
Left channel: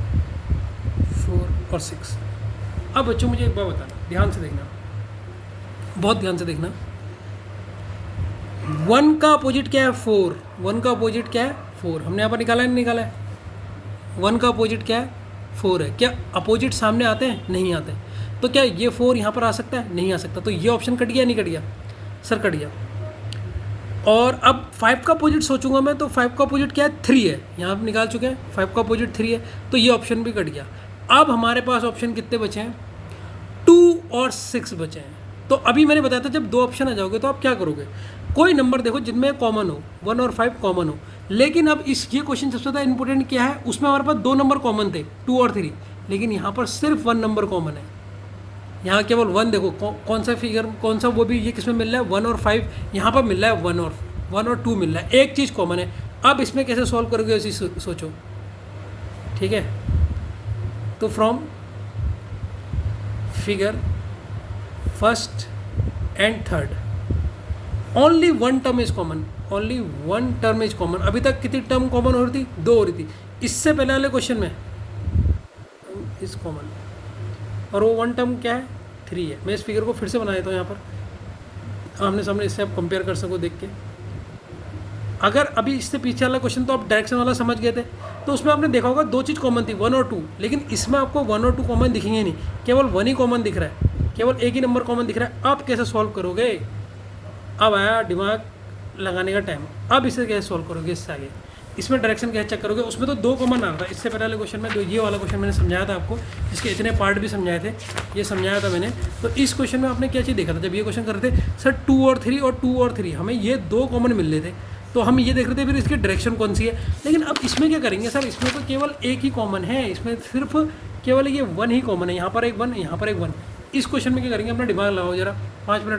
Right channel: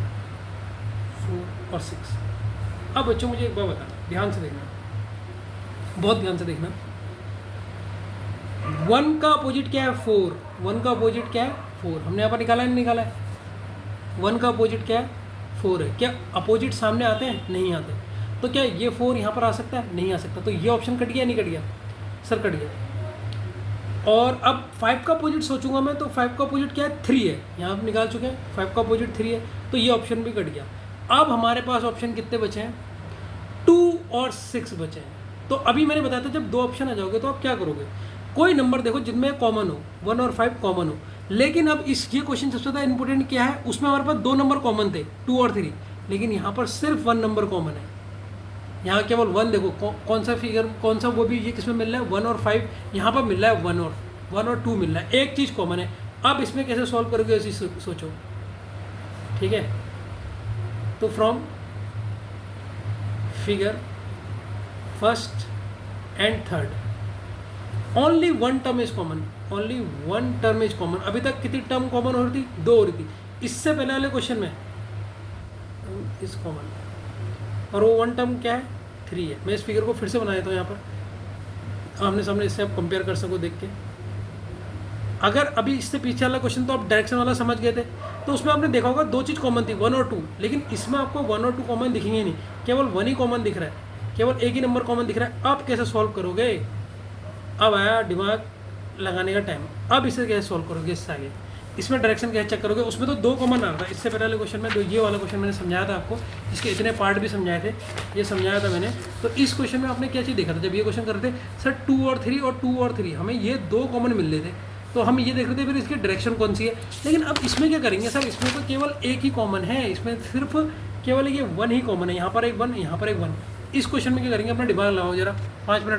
4 और 6। अब बच्चों मुझे एक बात बताओ, ध्यान से देखना, बहुत ध्यान से देखना। 1 का अपोजिट क्या है, 4। 1 का अपोजिट क्या है, 4। हमने यहाँ पर निकाला नहीं निकाला है। 1 का अपोजिट क्या है, 4 है। क्या अपोजिट सामने आते हैं, नहीं आते। तो क्या ये 4 यहाँ पर आ सकता है, नहीं आ सकता। तो ये ऑप्शन कट गया नहीं कट गया सर, कट गया। और अब 5 का अपोजिट सोचूंगा मैं, तो 5 का अपोजिट क्या है, 3 है। यहाँ पर निकाल चुके हैं, 5 का अपोजिट 3 है, तो ये ऑप्शन भी कट गया। अब हमारे पास ऑप्शन कितने बचे हैं, 2 और 6 बचे हैं। तो अभी मैंने बताया था जब 2 ऑप्शन आ जाओगे तो आप क्या करोगे, कोई नंबर देखो जिनमें कॉमन हो, 1 और 5 कॉमन हो। लेकिन अब इस ये क्वेश्चन सबसे ज़्यादा इंपॉर्टेंट क्या है, उसमें हमारे पास 2 नंबर कॉमन थे, 2 और 3, लेकिन यहाँ पर सिर्फ 1 नंबर कॉमन है। यहाँ केवल 1 देखो, कौन सा फिगर, कौन सा, वो भी ये किसमें मिल रहा है, 1 और 5। यहाँ पर मिल रहा है 1 और 2 मिल रहा है, एक चीज़ कॉमन है। अब इसमें कैसे सॉल्व करोगे ऐसी सोचो, ठीक है। तो from figure first and third only 1 term is common, only 1 term is common. अभी तक कितनी टर्म कॉमन हो रही थी, 2 हो रही थी। इससे पहले वाले क्वेश्चन में इज कॉमन, और वो 1 टर्म क्या है, 3 है। मैं इस फिगर को फिर से बना देता हूँ यहाँ पर, आमने सामने, इससे आप कंपेयर कर सको देख के। अगर अभी इससे पीछे वाला क्वेश्चन तो आप डायरेक्शन वाला समझ गए थे, तो उसमें आपने देखा होगा 2 चीज़ कॉमन थी, 1 और 2। लेकिन इसमें आपको 1 और 2 कॉमन दिखेंगे नहीं, केवल 1 ही कॉमन दिख रहा है, केवल एक ही नंबर कॉमन दिख रहा है। आप कैसे सॉल्व करोगे, अब आया दिमाग लगाने का टाइम। अब इसे कैसे सॉल्व करोगे, इससे आगे इसमें डायरेक्शन कैसे चेक करोगे। उसमें तो 2 कॉमन आ रहा था इससे पहले वाले क्वेश्चन में, जो ये वाला क्वेश्चन मैंने समझाया था आपको, जिसके इतने पार्ट भी समझाए थे, ये समझाया था मैंने। तो इस क्वेश्चन में आपने क्या चीज़ देखा था, जब ये क्वेश्चन कर रहे थे सर 2 और 3 और 2 और 3, हमें ये 2 कॉमन मिल रहे थे, तो हम ये देख रहे थे फिर इसकी डायरेक्शन कौन सी है। लेकिन अब इसमें क्या करेंगे सर, इसमें तो केवल एक ही कॉमन है, इसमें सिर्फ केवल ये 1 ही कॉमन है। यहाँ पर एक 1, यहाँ पर एक 1। इस क्वेश्चन में क्या करेंगे, अपना दिमाग लगाओ जरा, 5 मिनट